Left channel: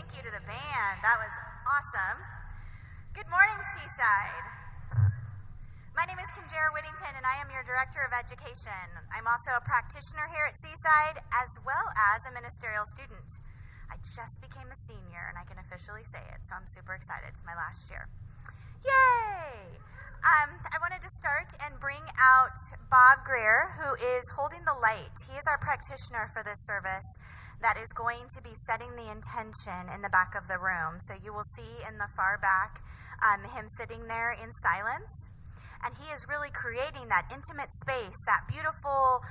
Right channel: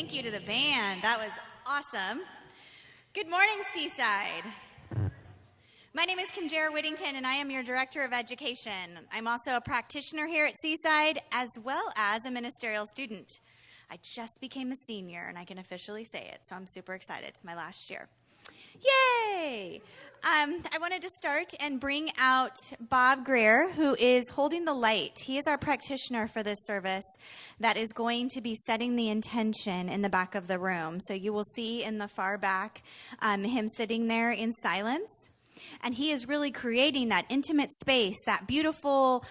Thank you to the band. That was awesome. Good morning, Seaside. My name is Kim Jara Whittington, and I am your Director of Education. I'm also a practitioner here at Seaside, as well as a ministerial student. I just became a senior, and I can officially say it, so I'm super excited. It's my last year. Yay! I wanted to start and bring out Bob Greer, who is holding the light. He is our practitioner for this service that is going to be setting the intention in the back of the room. So you will see in the far back him sitting there in silence. And he is really creating that intimate space, that beautiful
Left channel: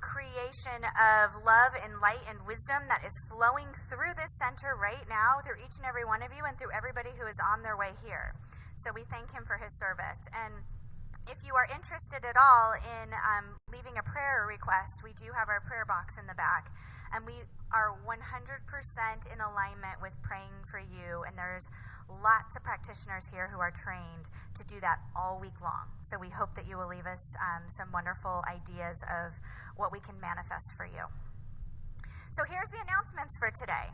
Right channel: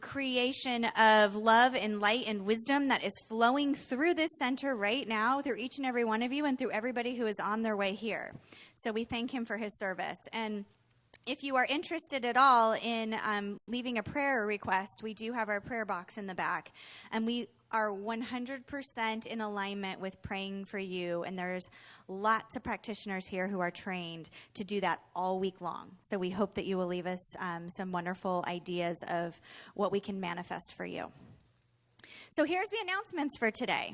creation of love and light and wisdom that is flowing through this center right now, through each and every one of you and through everybody who is on their way here. So we thank him for his service. And if you are interested at all in leaving a prayer request, we do have our prayer box in the back. And we are 100% in alignment with praying for you. And there's lots of practitioners here who are trained to do that all week long. So we hope that you will leave us some wonderful ideas of what we can manifest for you. So here's the announcements for today.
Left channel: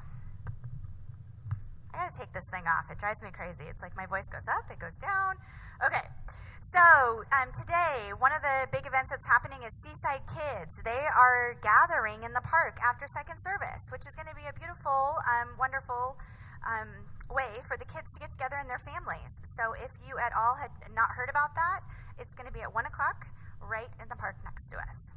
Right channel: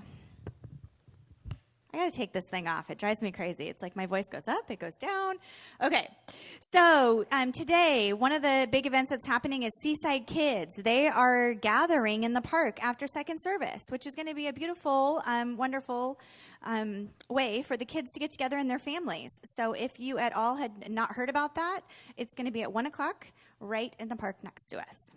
I got to take this thing off. It drives me crazy. It's like my voice goes up, it goes down. Okay, so today, one of the big events that's happening is Seaside Kids. They are gathering in the park after second service, which is going to be a beautiful, wonderful way for the kids to get together and their families. So if you at all had not heard about that, it's going to be at 1 o'clock right in the park next to us.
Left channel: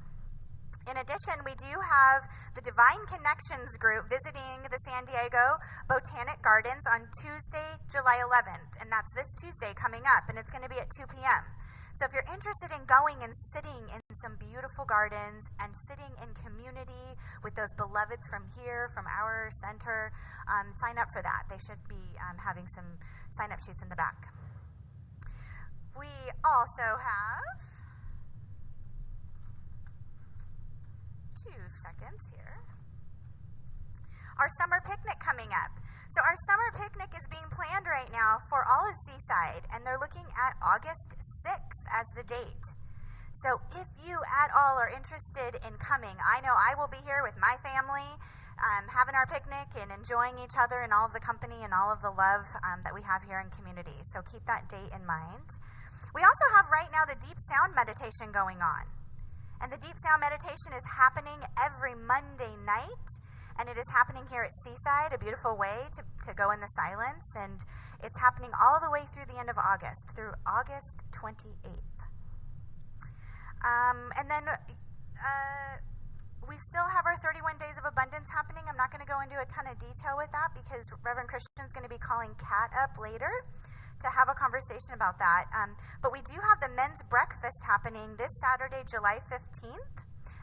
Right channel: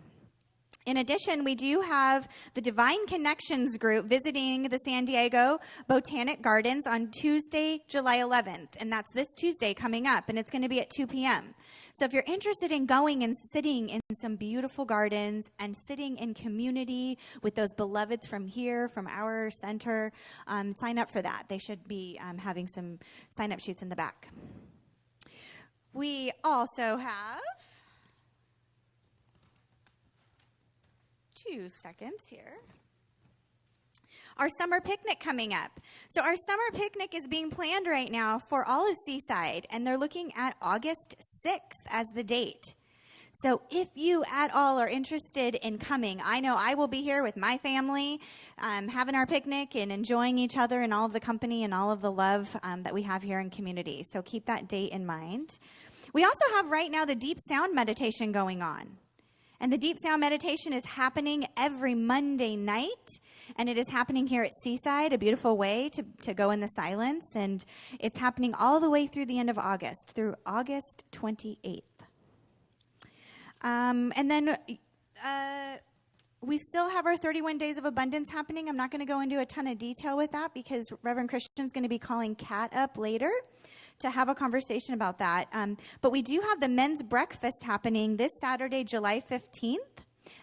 In addition, we do have the Divine Connections group visiting the San Diego Botanic Gardens on Tuesday, July 11th, and that's this Tuesday coming up, and it's going to be at 2 p.m. So if you're interested in going and sitting in some beautiful gardens and sitting in community with those beloveds from here, from our center, sign up for that. They should be having some sign-up sheets in the back. We also have 2 seconds here. Our summer picnic coming up. So our summer picnic is being planned right now for all of Seaside, and they're looking at August 6th as the date. So if you at all are interested in coming, I know I will be here with my family, having our picnic and enjoying each other and all of the company and all of the love that we have here in community. So keep that date in mind. We also have right now the deep sound meditation going on. And the deep sound meditation is happening every Monday night, and it is happening here at Seaside, a beautiful way to go in the silence, and it's happening all the way through the end of August, through August 28th. And then we still have our 31 Days of Abundance happening. I'm not going to go into a ton of detail with that because Reverend Christian's going to be calling Kat up later to have a conversation about that. But we do have the men's breakfast happening this Saturday, July 15th,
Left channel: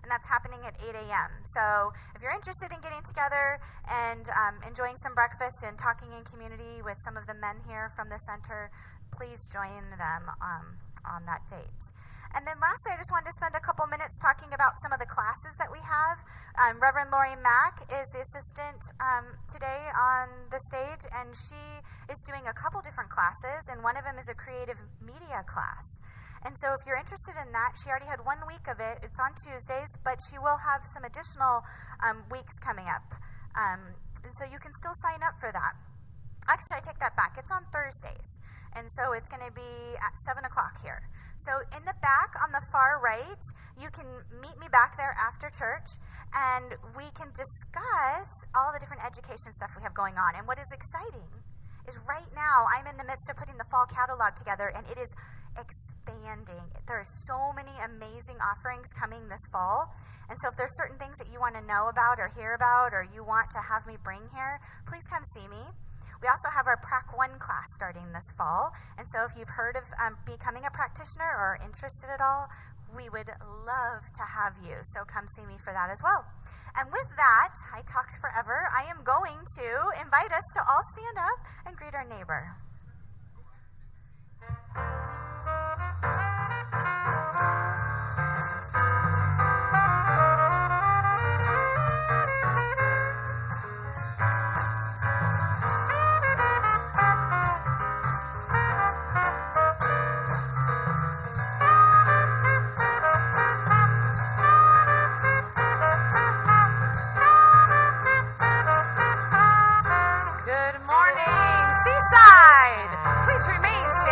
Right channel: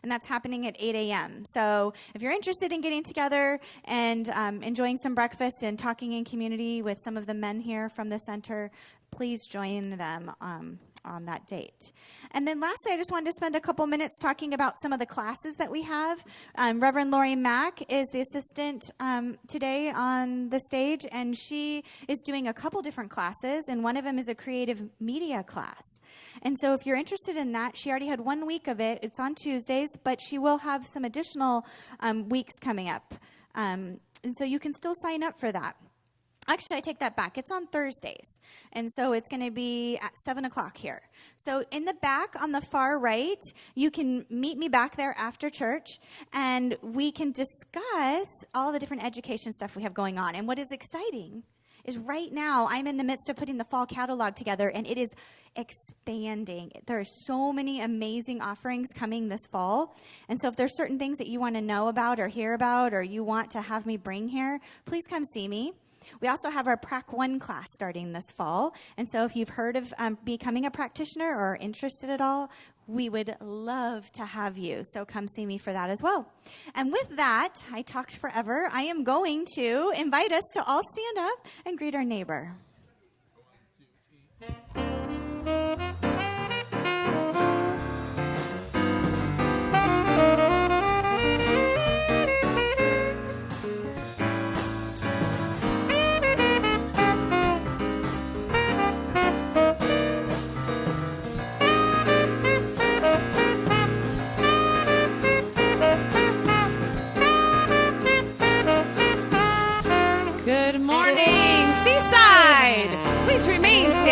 and that's happening at 8 a.m. So if you're interested in getting together and enjoying some breakfast and talking in community with some of the men here from the center, please join them on that date. And then lastly, I just wanted to spend a couple minutes talking about some of the classes that we have. Reverend Lori Mack is the assistant today on the stage, and she is doing a couple different classes, and one of them is a creative media class. And so if you're interested in that, she already had 1 week of it. It's on Tuesdays, but she will have some additional weeks coming up. And so you can still sign up for that. Actually, I take that back. It's on Thursdays. And so it's going to be at 7 o'clock here. So in the back on the far right, you can meet me back there after church, and we can discuss all the different education stuff we have going on. And what is exciting is right now I'm in the midst of putting the fall catalog together, and it is expanding. There are so many amazing offerings coming this fall. And so if there's certain things that you want to know about or hear about or you want to have me bring here, please come see me. We also have our Prac 1 class starting this fall. And so if you've heard of becoming a practitioner or interested at all, we would love to have you. So come see me for that as well. And with that, I talked forever. I am going to invite us to all stand up and greet our neighbor.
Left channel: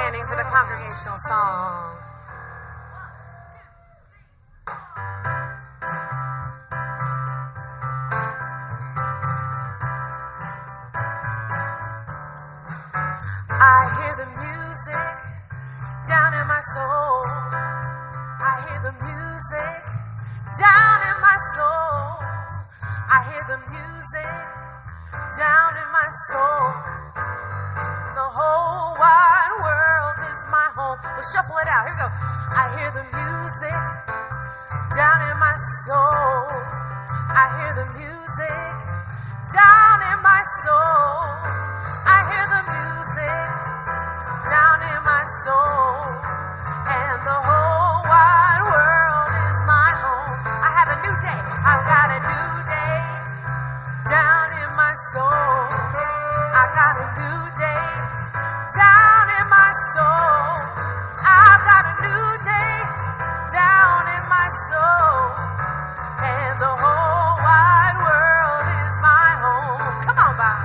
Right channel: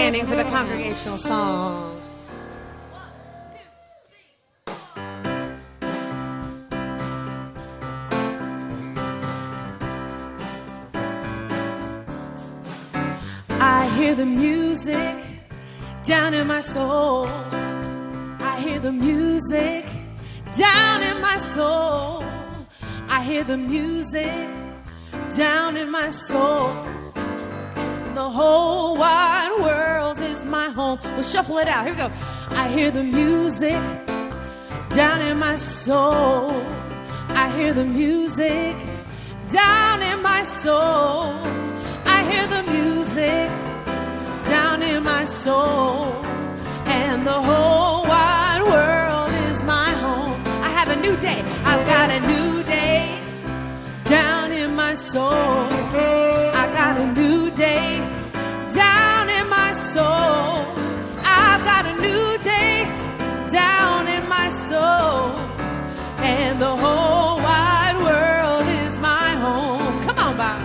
standing for the congregational song. I hear the music down in my soul. I hear the music down in my soul. I hear the music down in my soul. The whole wide world is my home. We'll shuffle it out. Here we go. I hear the music down in my soul. I hear the music down in my soul. I hear the music down in my soul. And the whole wide world is my home. I have a new day. I've got a new day down in my soul. I got a new day down in my soul. I've got a new day down in my soul. And the whole wide world is my home. Come on, Bob.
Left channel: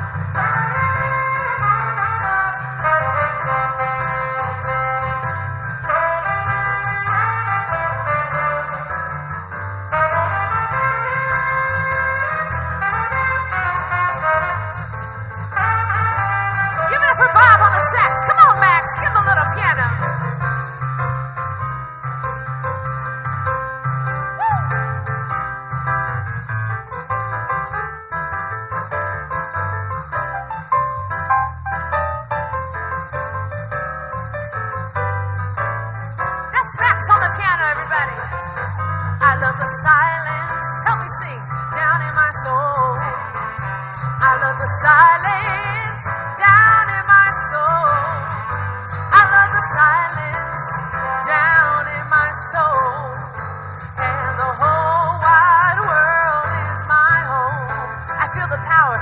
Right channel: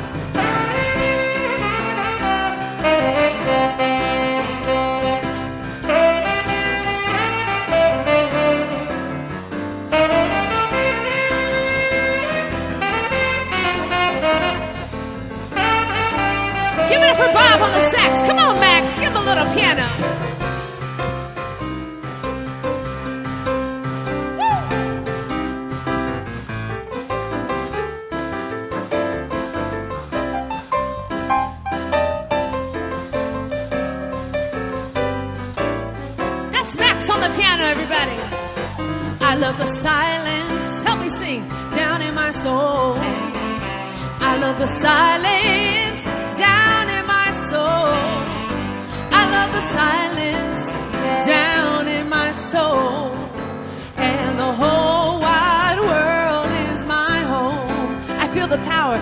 Piano. That's Max on the piano, everybody. I love the silence. Help me sing. Down in my soul. I love the silence. Down in my soul. I love the silence down in my soul. And the whole wide world is my home. I feel the power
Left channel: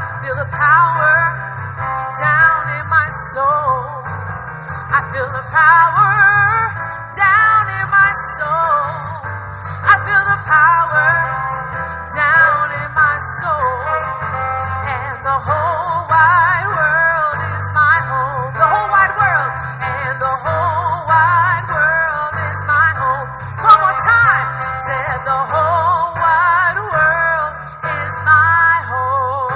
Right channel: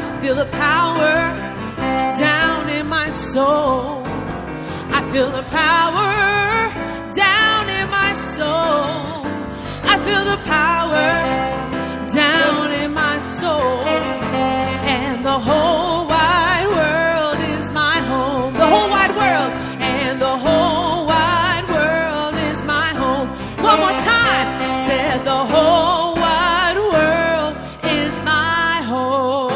down in my soul. I feel the power down in my soul. I feel the power down in my soul. And the whole wide world is my home. The whole wide world. The whole wide world is my home. One more time. Said the whole wide world is my home.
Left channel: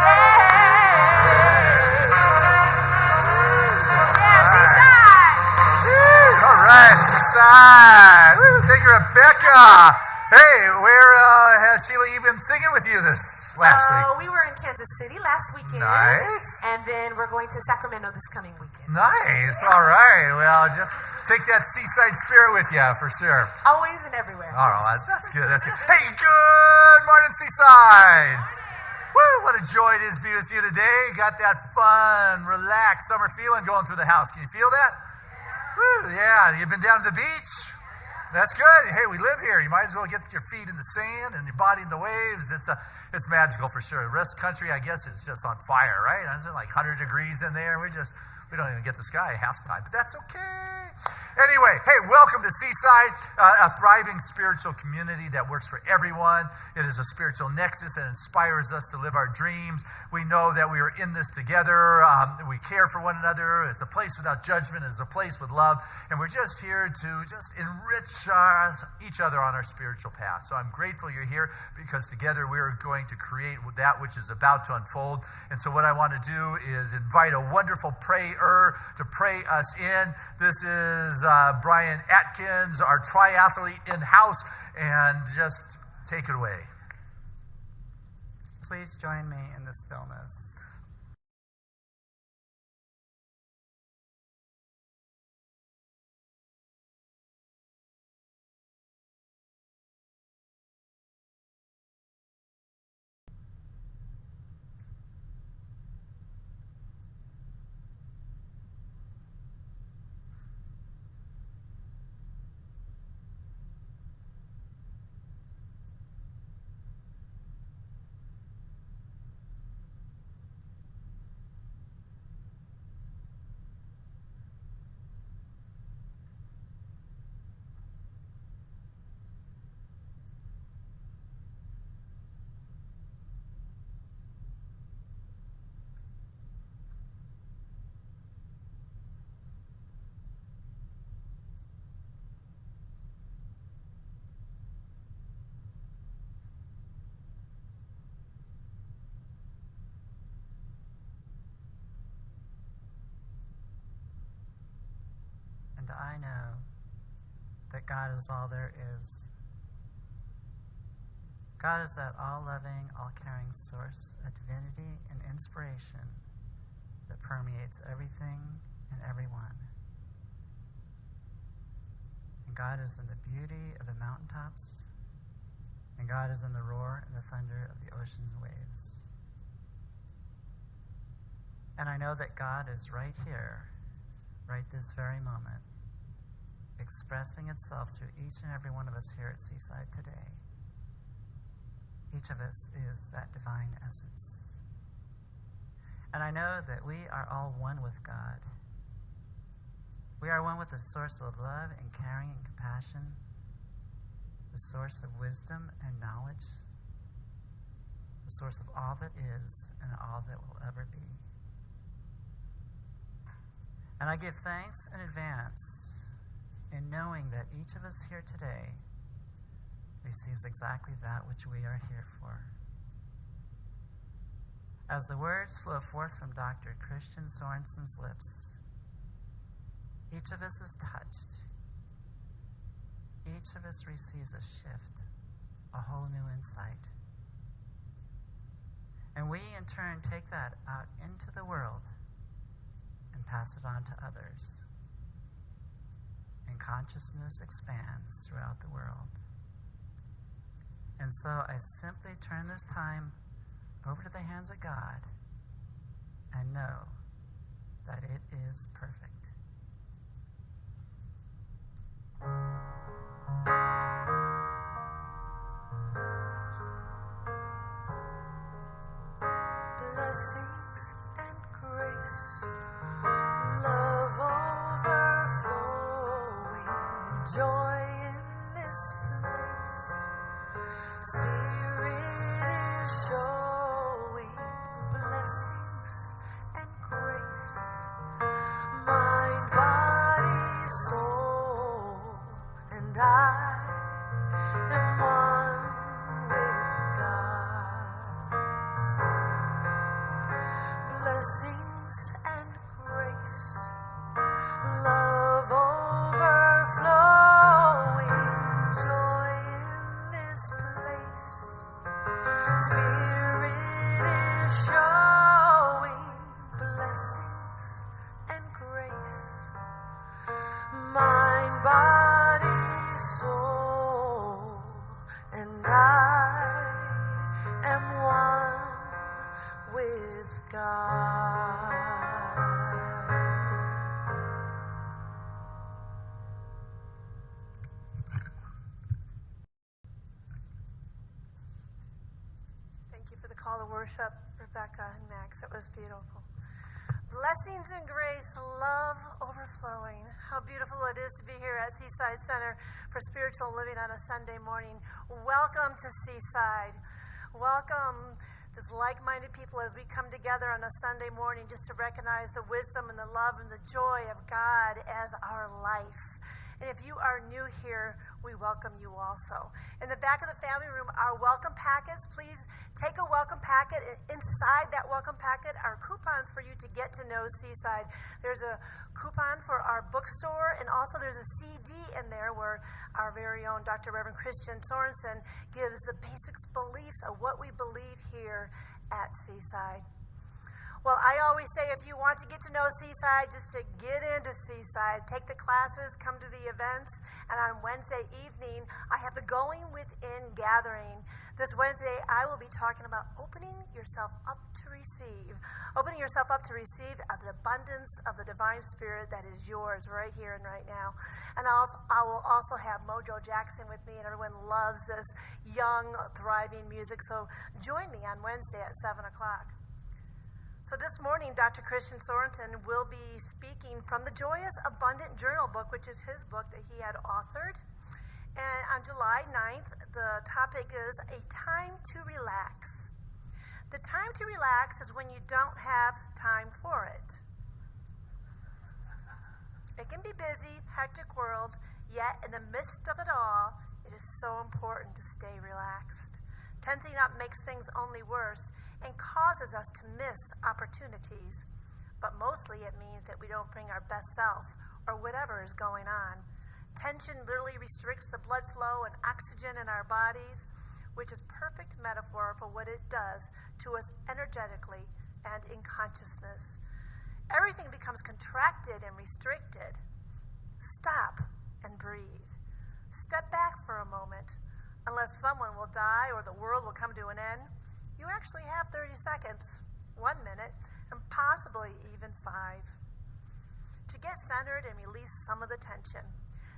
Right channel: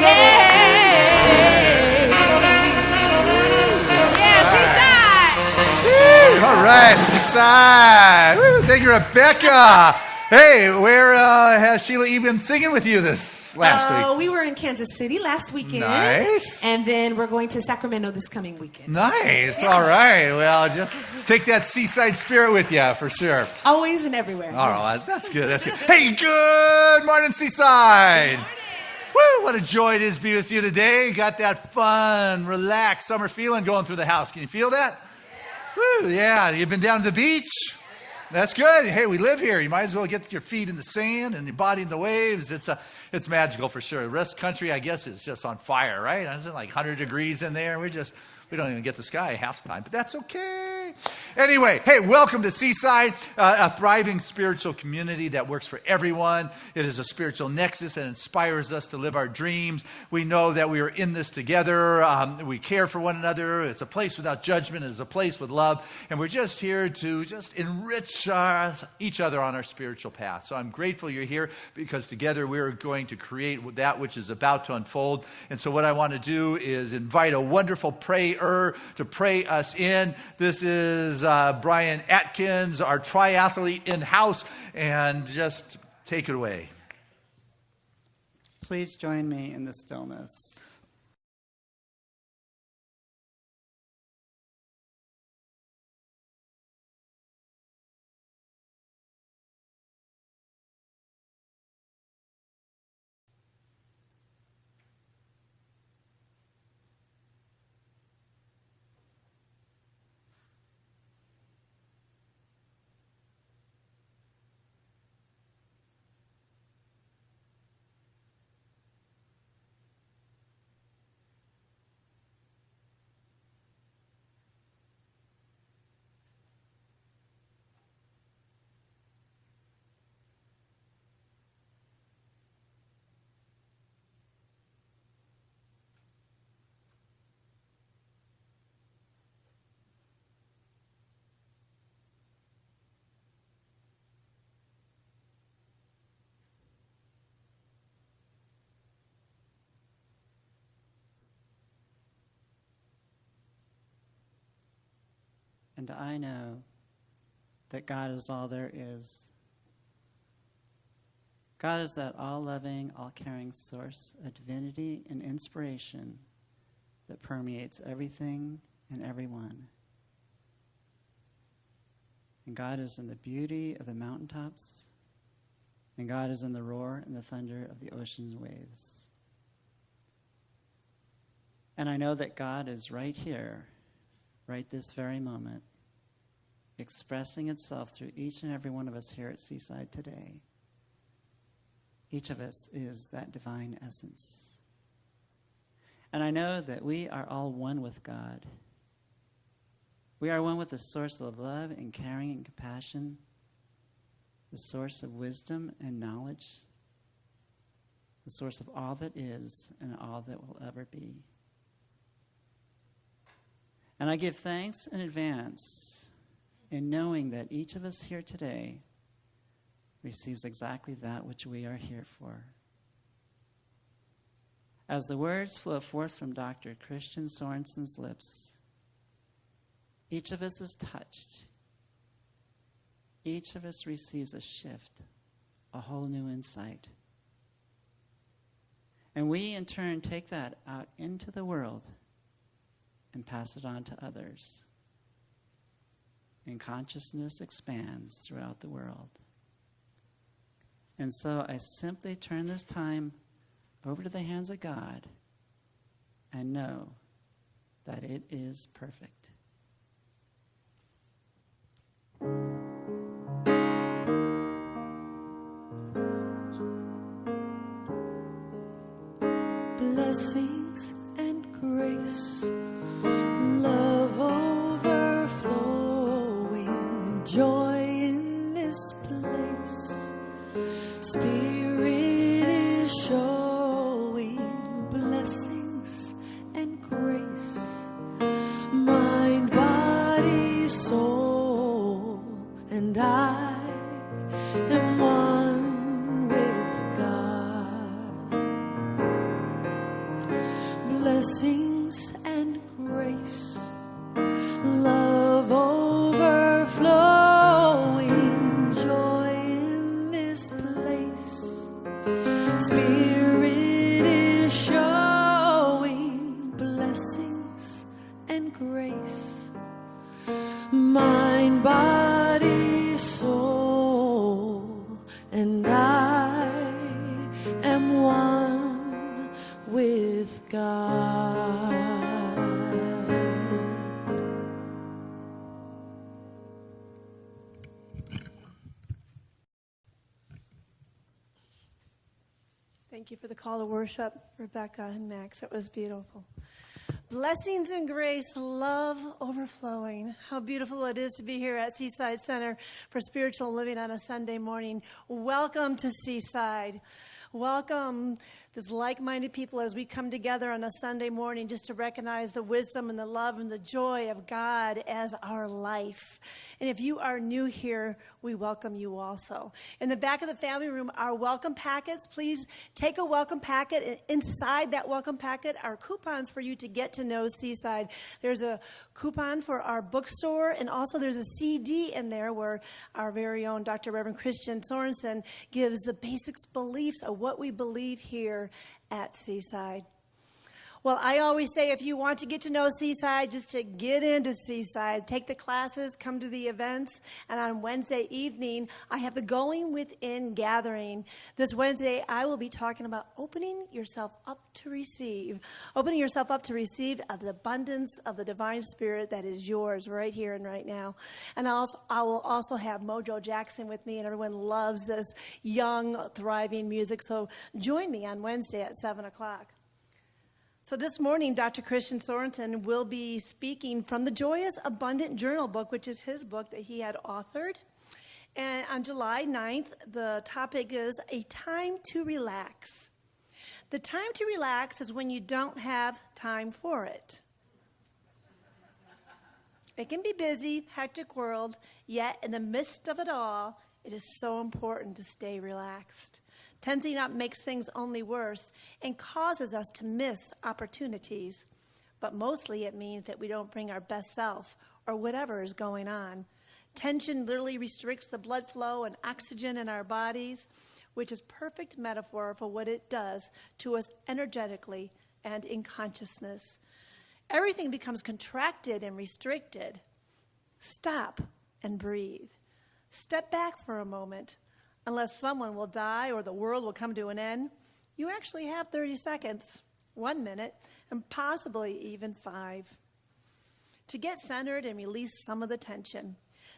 Yeah. Yeah, Seaside. All right, Seaside. Woo, thank you, Rebecca. Hey, where has Sheila E. been singing with you this last week? We were in Kansas City last weekend. Nice. And then we're going to Sacramento this coming weekend. Nice. Yeah. All right. Well, just take that seaside spirit with you for sure. Always and everywhere. All right. That's good. That's good. Hey, good morning, Seaside. Good morning. Woo, what a joy it is to be with you today. Got that fun, relaxed summer feeling going through the house. Can you feel that? Woo, yeah. You've been down to the beach? That's good. Hey, we live here. You might as well get your feet in the sand and your body in the waves. It's magical for sure. The rest of the country, I guess, is just on fire, right? It's like 100 degrees in there. We don't even get the sky half the time, but that's okay. Anyway, hey, welcome to Seaside, a thriving spiritual community that works for everyone. It is a spiritual nexus that inspires us to live our dreams. We know that we are in this together. We care for one another. It's a place without judgment. It's a place with love. And we're just here to just enrich each other on our spiritual path. So I'm grateful you're here because together we're going to create that which is about to unfold. And so what I want to do is invite a wonderful prayer to pray us in. This is Brian Atkins, our triathlete in-house, and just take it away. Please join me in the stillness. and I know that God is all there is. God is that all-loving, all-caring source of divinity and inspiration that permeates everything and everyone. And God is in the beauty of the mountaintops, and God is in the roar and the thunder of the ocean's waves. And I know that God is right here, right this very moment, expressing itself through each and every one of us here at Seaside today. Each of us is that divine essence. And I know that we are all one with God. We are one with the source of love and caring and compassion, the source of wisdom and knowledge, the source of all that is and all that will ever be. And I give thanks in advance in knowing that each of us here today receives exactly that which we are here for. As the words flow forth from Dr. Christian Sorensen's lips, each of us is touched. Each of us receives a shift, a whole new insight. And we, in turn, take that out into the world and pass it on to others. And consciousness expands throughout the world. And so I simply turn this time over to the hands of God and know that it is perfect. Blessings and grace, love overflowing, joy in this place. Spirit is showing blessings and grace, mind, body, soul, and I am one with God. Blessings and grace, love overflowing, joy in this place. Spirit is showing blessings and grace, mind, body, soul, and I am one with God. Thank you for the call to worship, Rebecca and Max. It was beautiful. Blessings and grace, love overflowing. How beautiful it is to be here at Seaside Center for Spiritual Living on a Sunday morning. Welcome to Seaside. Welcome, this like-minded people, as we come together on a Sunday morning just to recognize the wisdom and the love and the joy of God as our life. And if you are new here, we welcome you also. In the back of the family room are welcome packets. Please take a welcome packet. And inside that welcome packet are coupons for you to get to know Seaside. There's a coupon for our bookstore, and also there's a CD in there where our very own Dr. Reverend Christian Sorensen gives the basics beliefs of what we believe here at Seaside. Well, I always say if you want to get to know Seaside, just to get into Seaside, take the classes, come to the events, and on Wednesday evening, I have the Going Within gathering. This Wednesday, I will be talking about opening yourself up to receive. Opening yourself up to receive the abundance of the divine spirit that is yours right here and right now. And I will also have Mojo Jackson with me, and everyone loves this young, thriving music. So join me on Wednesday at 7 o'clock. So this morning, Dr. Christian Sorensen will be speaking from the Joyous Abundant Journal book, which is his book that he had authored. And on July 9th, the topic is A Time to Relax. The time to relax is when you don't have time for it. It can be busy, hectic world, yet in the midst of it all, it is so important to stay relaxed. Tensing up makes things only worse and causes us to miss opportunities. But mostly it means that we don't bring our best self or whatever is going on. Tension literally restricts the blood flow and oxygen in our bodies, which is perfect metaphor for what it does to us energetically and in consciousness. Everything becomes contracted and restricted. Stop and breathe. Step back for a moment. Unless someone will die or the world will come to an end, you actually have 30 seconds, 1 minute, and possibly even 5. To get centered and release some of the tension.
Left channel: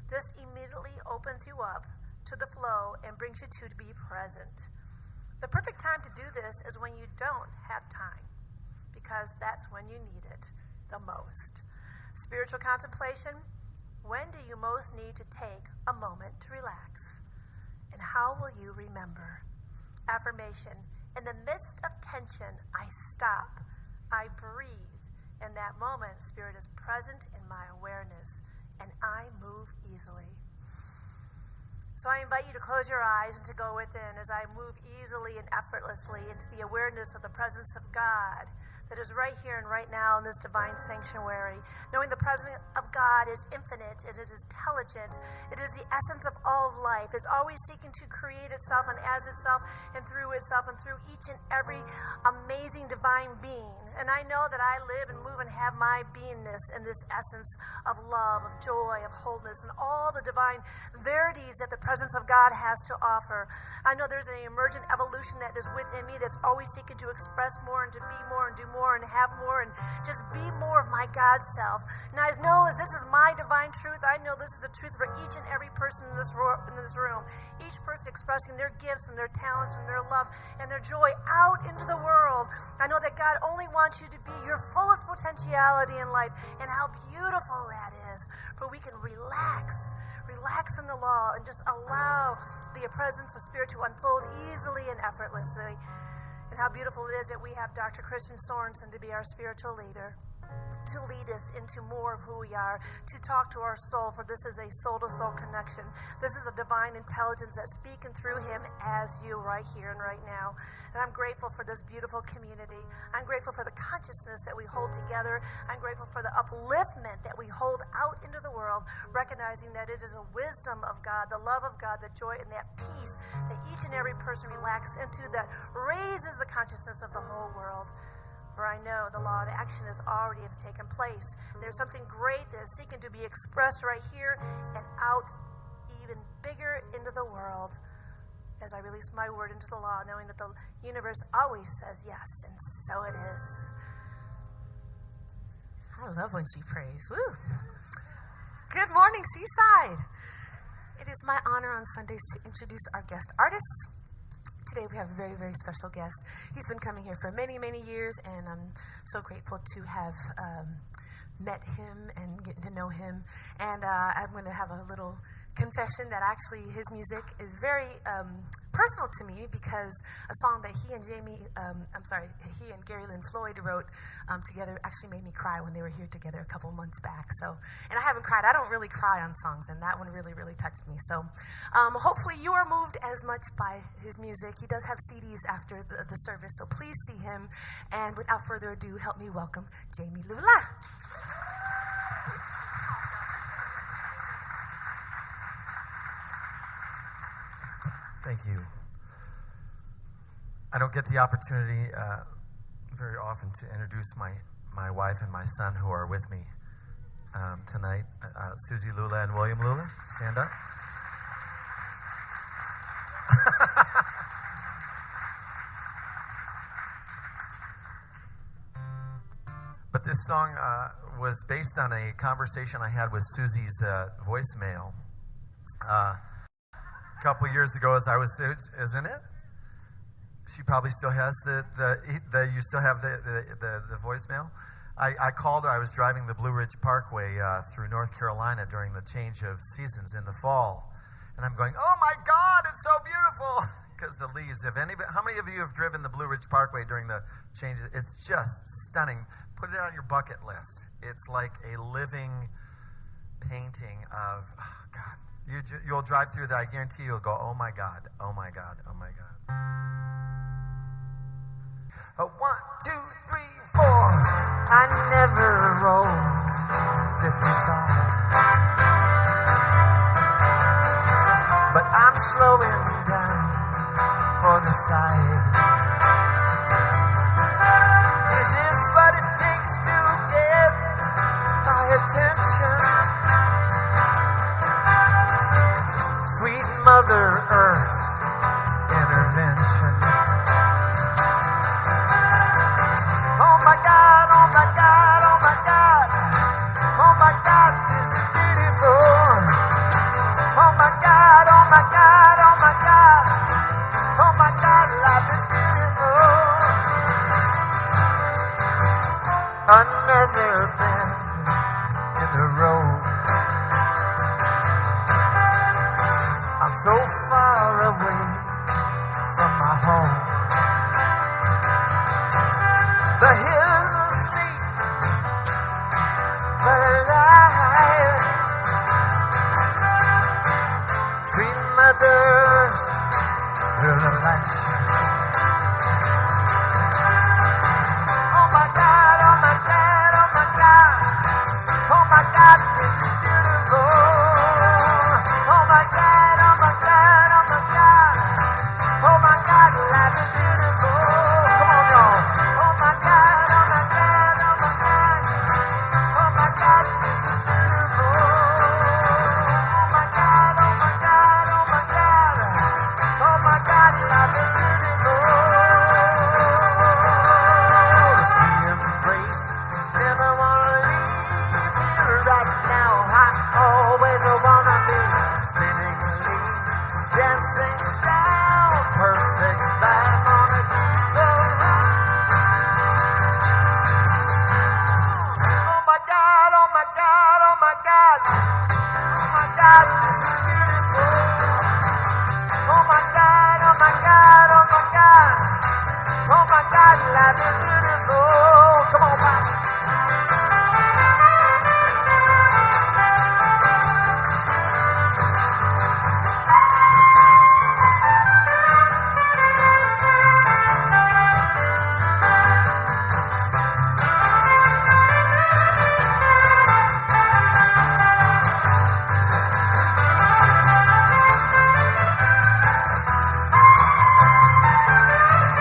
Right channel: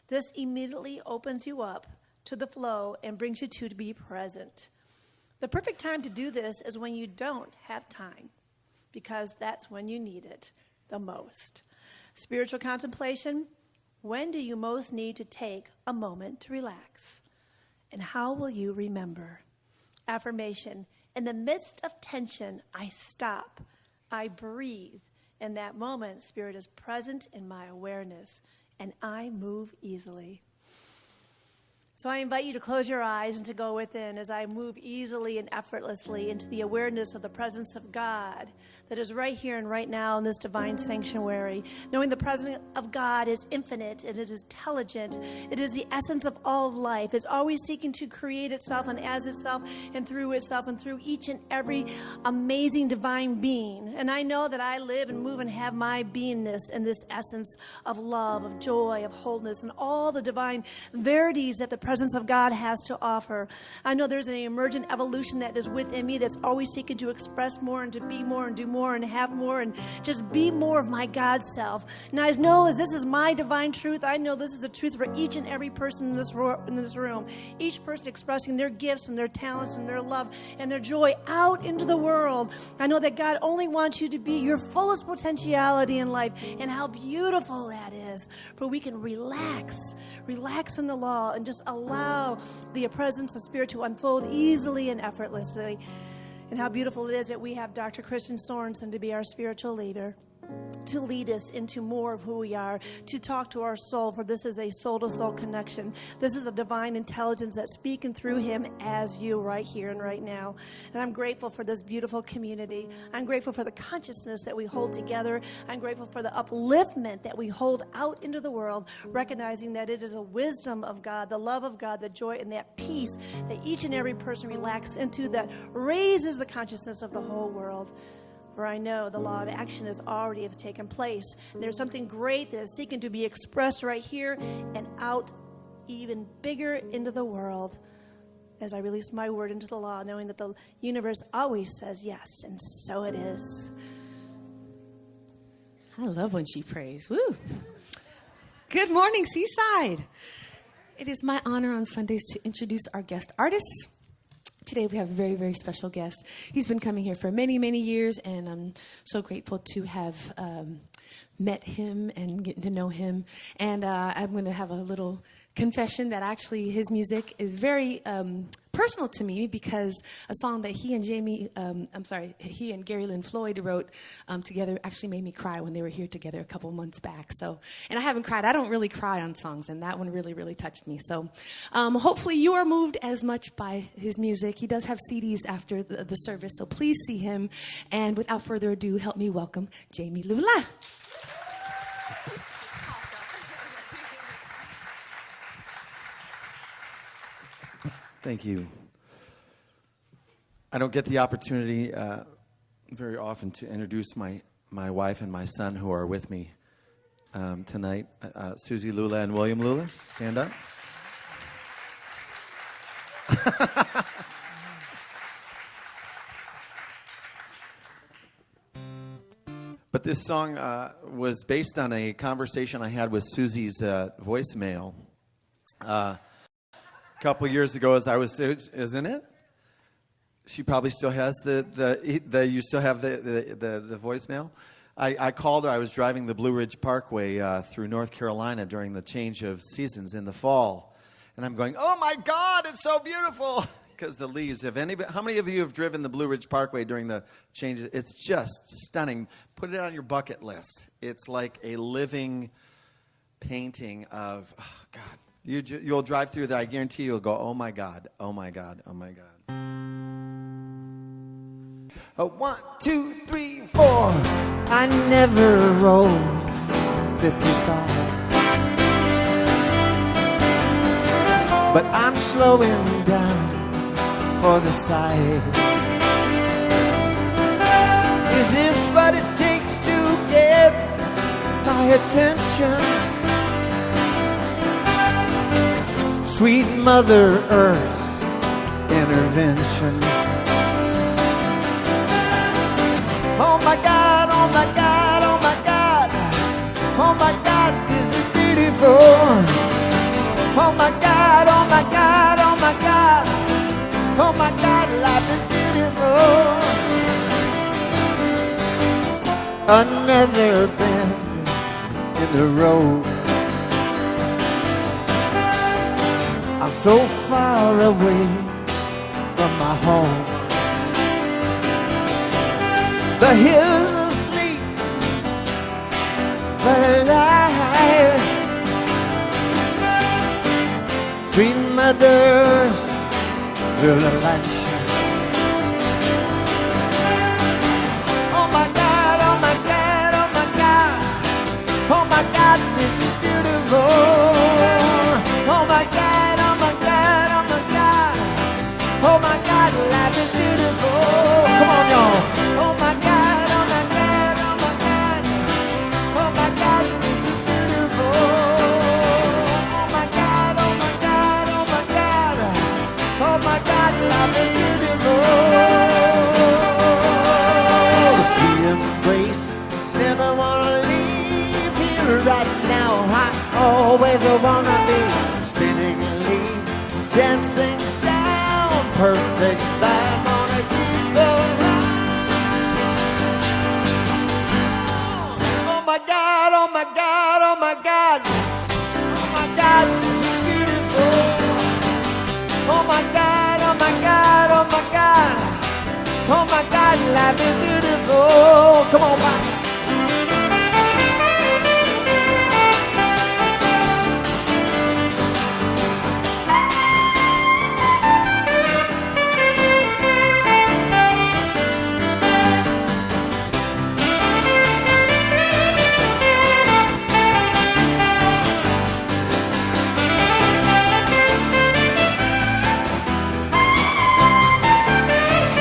This immediately opens you up to the flow and brings you to be present. The perfect time to do this is when you don't have time, because that's when you need it the most. Spiritual contemplation, when do you most need to take a moment to relax? And how will you remember? Affirmation, in the midst of tension, I stop, I breathe. In that moment, Spirit is present in my awareness, and I move easily. So I invite you to close your eyes and to go within as I move easily and effortlessly into the awareness of the presence of God that is right here and right now in this divine sanctuary. Knowing the presence of God is infinite and it is intelligent. It is the essence of all of life. It's always seeking to create itself and as itself and through each and every amazing divine being. And I know that I live and move and have my beingness in this essence of love, of joy, of wholeness, and all the divine verities that the presence of God has to offer. I know there's an emergent evolution that is within me that's always seeking to express more and to be more and do more and have more and just be more of my God self. And I know as this is my divine truth, I know this is the truth for each and every person in this room. Each person expressing their gifts and their talents and their love and their joy out into the world. I know that God only wants you to be your fullest potentiality in life, and how beautiful that is. For we can relax in the law and just allow the presence of Spirit to unfold easily and effortlessly. And how beautiful it is that we have Dr. Christian Sorensen to be our spiritual leader, to lead us into more of who we are, to talk to our soul, for this is a soul-to-soul connection. This is a divine intelligence that's speaking through him as you right here and right now. And I'm grateful for this beautiful community. I'm grateful for the consciousness that we hold together. I'm grateful for the upliftment that we hold out into the world, recognizing that it is a wisdom of God, the love of God, the joy, and that peace that each and every person relaxes into that raises the consciousness of the whole world. For I know the law of action has already have taken place. And there's something great that is seeking to be expressed right here and out even bigger into the world as I release my word into the law, knowing that the universe always says yes, and so it is. I love when she prays. Woo! Good morning, Seaside. It is my honor on Sundays to introduce our guest artists. Today we have a very, very special guest. He's been coming here for many, many years, and I'm so grateful to have met him and getting to know him. And I'm going to have a little confession that actually his music is very personal to me, because a song that he and he and Gary Lynn Floyd wrote together actually made me cry when they were here together a couple months back. So, and I haven't cried. I don't really cry on songs, and that one really, really touched me. So hopefully you are moved as much by his music. He does have CDs after the service, so please see him. And without further ado, help me welcome Jamie Lula. Thank you. I don't get the opportunity very often to introduce my wife and my son who are with me tonight. Susie Lula and William Lula, stand up. But this song was based on a conversation I had with Susie's voicemail. A couple years ago, isn't it? She probably still has you still have the voicemail? I called her. I was driving the Blue Ridge Parkway through North Carolina during the change of seasons in the fall. And I'm going, oh my God, it's so beautiful. Because the leaves, how many of you have driven the Blue Ridge Parkway during the change? It's just stunning. Put it on your bucket list. It's like a living painting of, oh God. You'll drive through that. I guarantee you'll go, oh my God, oh my God, oh my God. 1, 2, 3, 4. I never rode 55. but I'm slowing down for the sight. Is this what it takes to get my attention? Sweet Mother Earth's intervention. Oh my God, oh my God, oh my God. Oh my God, this is beautiful. Oh my God, oh my God, oh my God. Oh my God, life is beautiful. Another bend in the road. I'm so far away from my home. The hills are asleep, but alive. Sweet Mother's revelation. Oh my God, oh my God, oh my God. Oh my God, this is beautiful. Oh my God, oh my God, oh my God. Oh my God, life is beautiful. Come on, y'all. Oh my God, oh my God, oh my God. Oh my God, this is beautiful. Oh my God, oh my God, oh my God. Oh my God, life is beautiful. See embrace, never wanna leave here right now. I always wanna be spinning a leaf, dancing down perfect time on a keep around. Oh my God, oh my God, oh my God. Oh my God, this is beautiful. Oh my God, oh my God, oh my God. Oh my God, life is beautiful. Come on, Mike.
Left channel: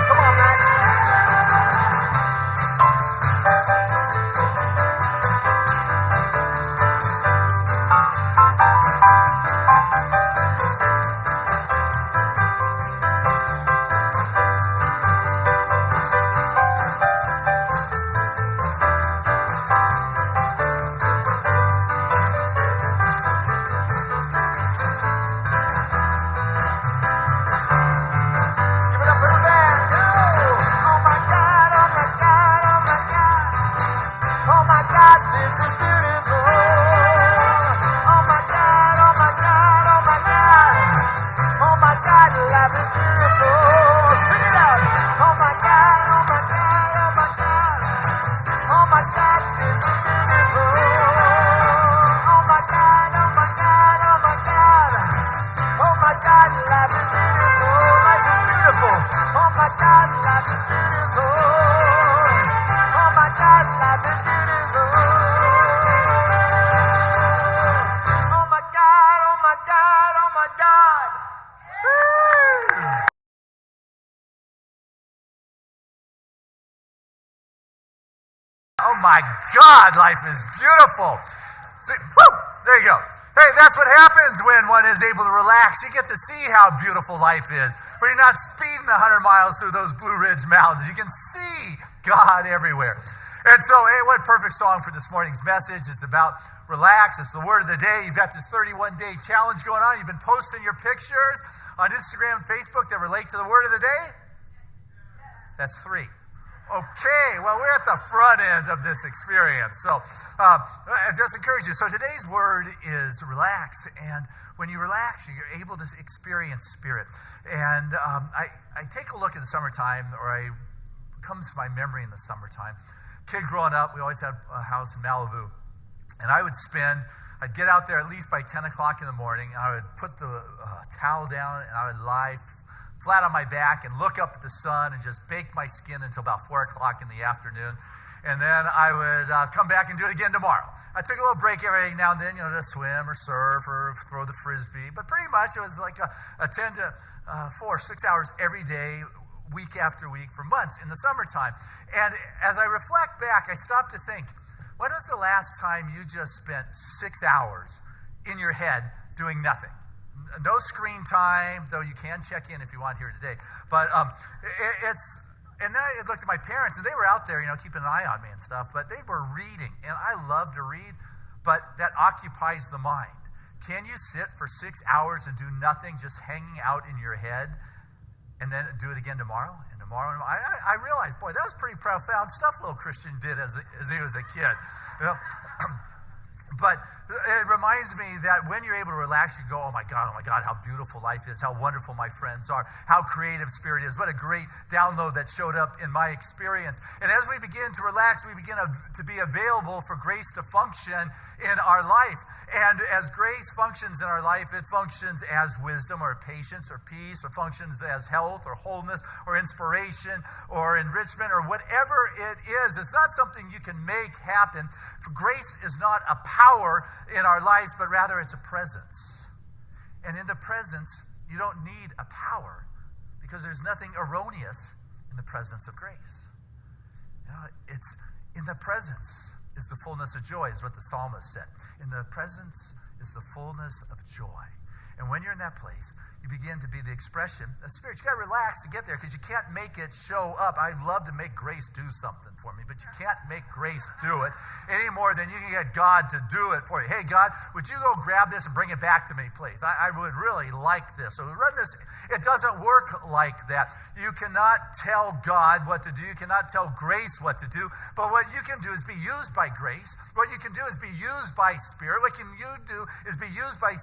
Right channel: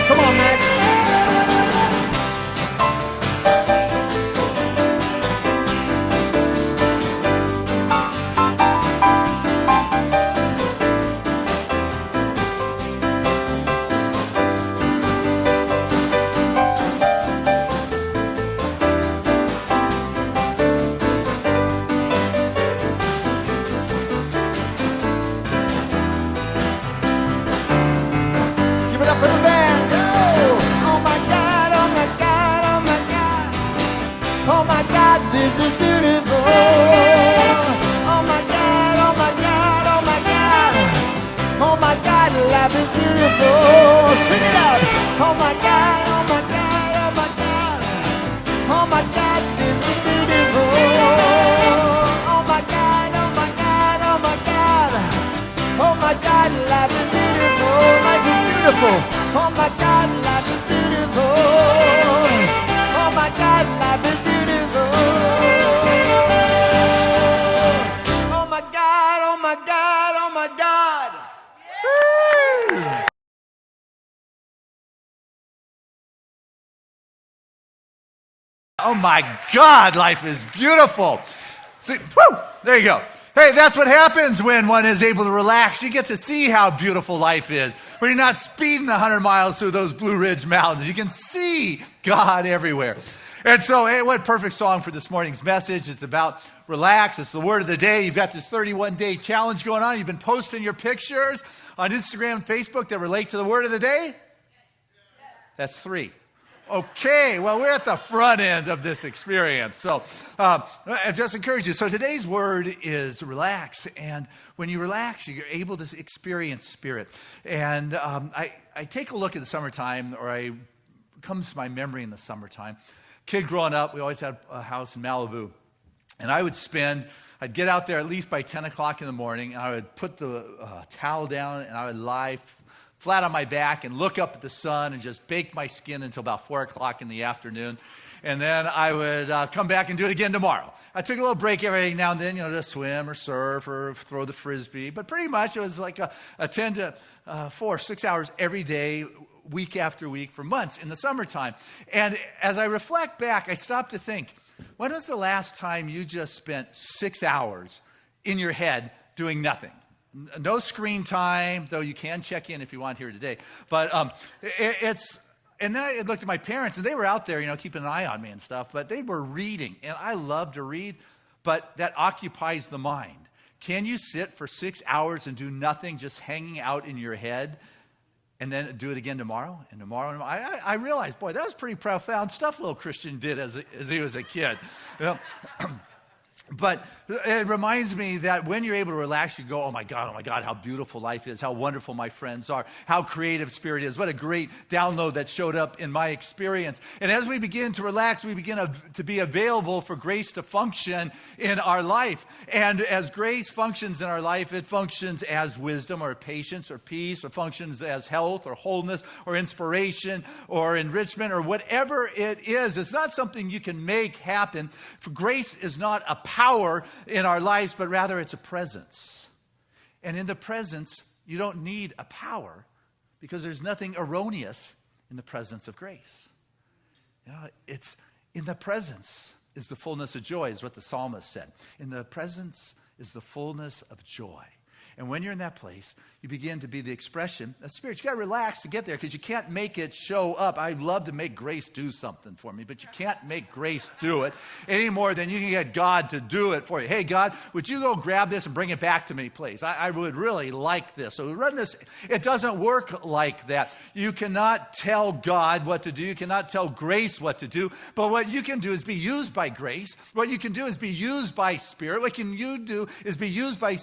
Come on, Max. Give it up for the band. Go. Oh my God, oh my God, oh my God. Oh my God, this is beautiful. Oh my God, oh my God, oh my God. Oh my God, life is beautiful. Sing it out. Oh my God, oh my God, oh my God. Oh my God, this is beautiful. Oh my God, oh my God, oh my God. Oh my God, life is beautiful. Life is beautiful. Oh my God, life is beautiful. Oh my God, life is beautiful. Oh my God, oh my God, oh my God. Oh my God, life is beautiful. See, woo, there you go. Hey, that's what happens when one is able to relax. You get to see how beautiful life is. When you're not speeding 100 miles through those Blue Ridge Mountains, you can see God everywhere. And so, hey, what perfect song for this morning's message. It's about relax. It's the word of the day. You've got this 31-day challenge going on. You've been posting your pictures on Instagram and Facebook that relate to the word of the day? That's 3. Okay, well, we're at the front end of this experience. So I just encourage you. So today's word is relax. And when you relax, you're able to experience spirit. And I take a look at the summertime, or it comes to my memory in the summertime. Kid growing up, we always had a house in Malibu. And I'd get out there at least by 10 o'clock in the morning, and I would put the towel down, and I would lie flat on my back and look up at the sun and just bake my skin until about 4 o'clock in the afternoon. and then I would come back and do it again tomorrow. I took a little break every now and then, to swim or surf or throw the Frisbee. But pretty much it was like a 10 to 6 hours every day, week after week for months in the summertime. And as I reflect back, I stop to think, when was the last time you just spent 6 hours in your head doing nothing? No screen time, though you can check in if you want here today. But and then I looked at my parents, and they were out there, keeping an eye on me and stuff, but they were reading. And I love to read, but that occupies the mind. Can you sit for 6 hours and do nothing, just hanging out in your head, and then do it again tomorrow and tomorrow? And tomorrow? I realized, boy, that was pretty profound stuff little Christian did as he was a kid. But it reminds me that when you're able to relax, you go, oh my God, how beautiful life is, how wonderful my friends are, how creative Spirit is. What a great download that showed up in my experience. And as we begin to relax, we begin to be available for grace to function in our life. And as grace functions in our life, it functions as wisdom or patience or peace, or functions as health or wholeness or inspiration or enrichment or whatever it is. It's not something you can make happen. For grace is not a power in our lives, but rather it's a presence. And in the presence, you don't need a power, because there's nothing erroneous in the presence of grace. It's in the presence is the fullness of joy, is what the psalmist said. In the presence is the fullness of joy. And when you're in that place, you begin to be the expression of Spirit. You got to relax to get there, because you can't make it show up. I love to make grace do something for me, but you can't make grace do it any more than you can get God to do it for you. Hey, God, would you go grab this and bring it back to me, please? I would really like this. So we run this. It doesn't work like that. You cannot tell God what to do. You cannot tell grace what to do. But what you can do is be used by grace. What you can do is be used by Spirit. What you do is be used by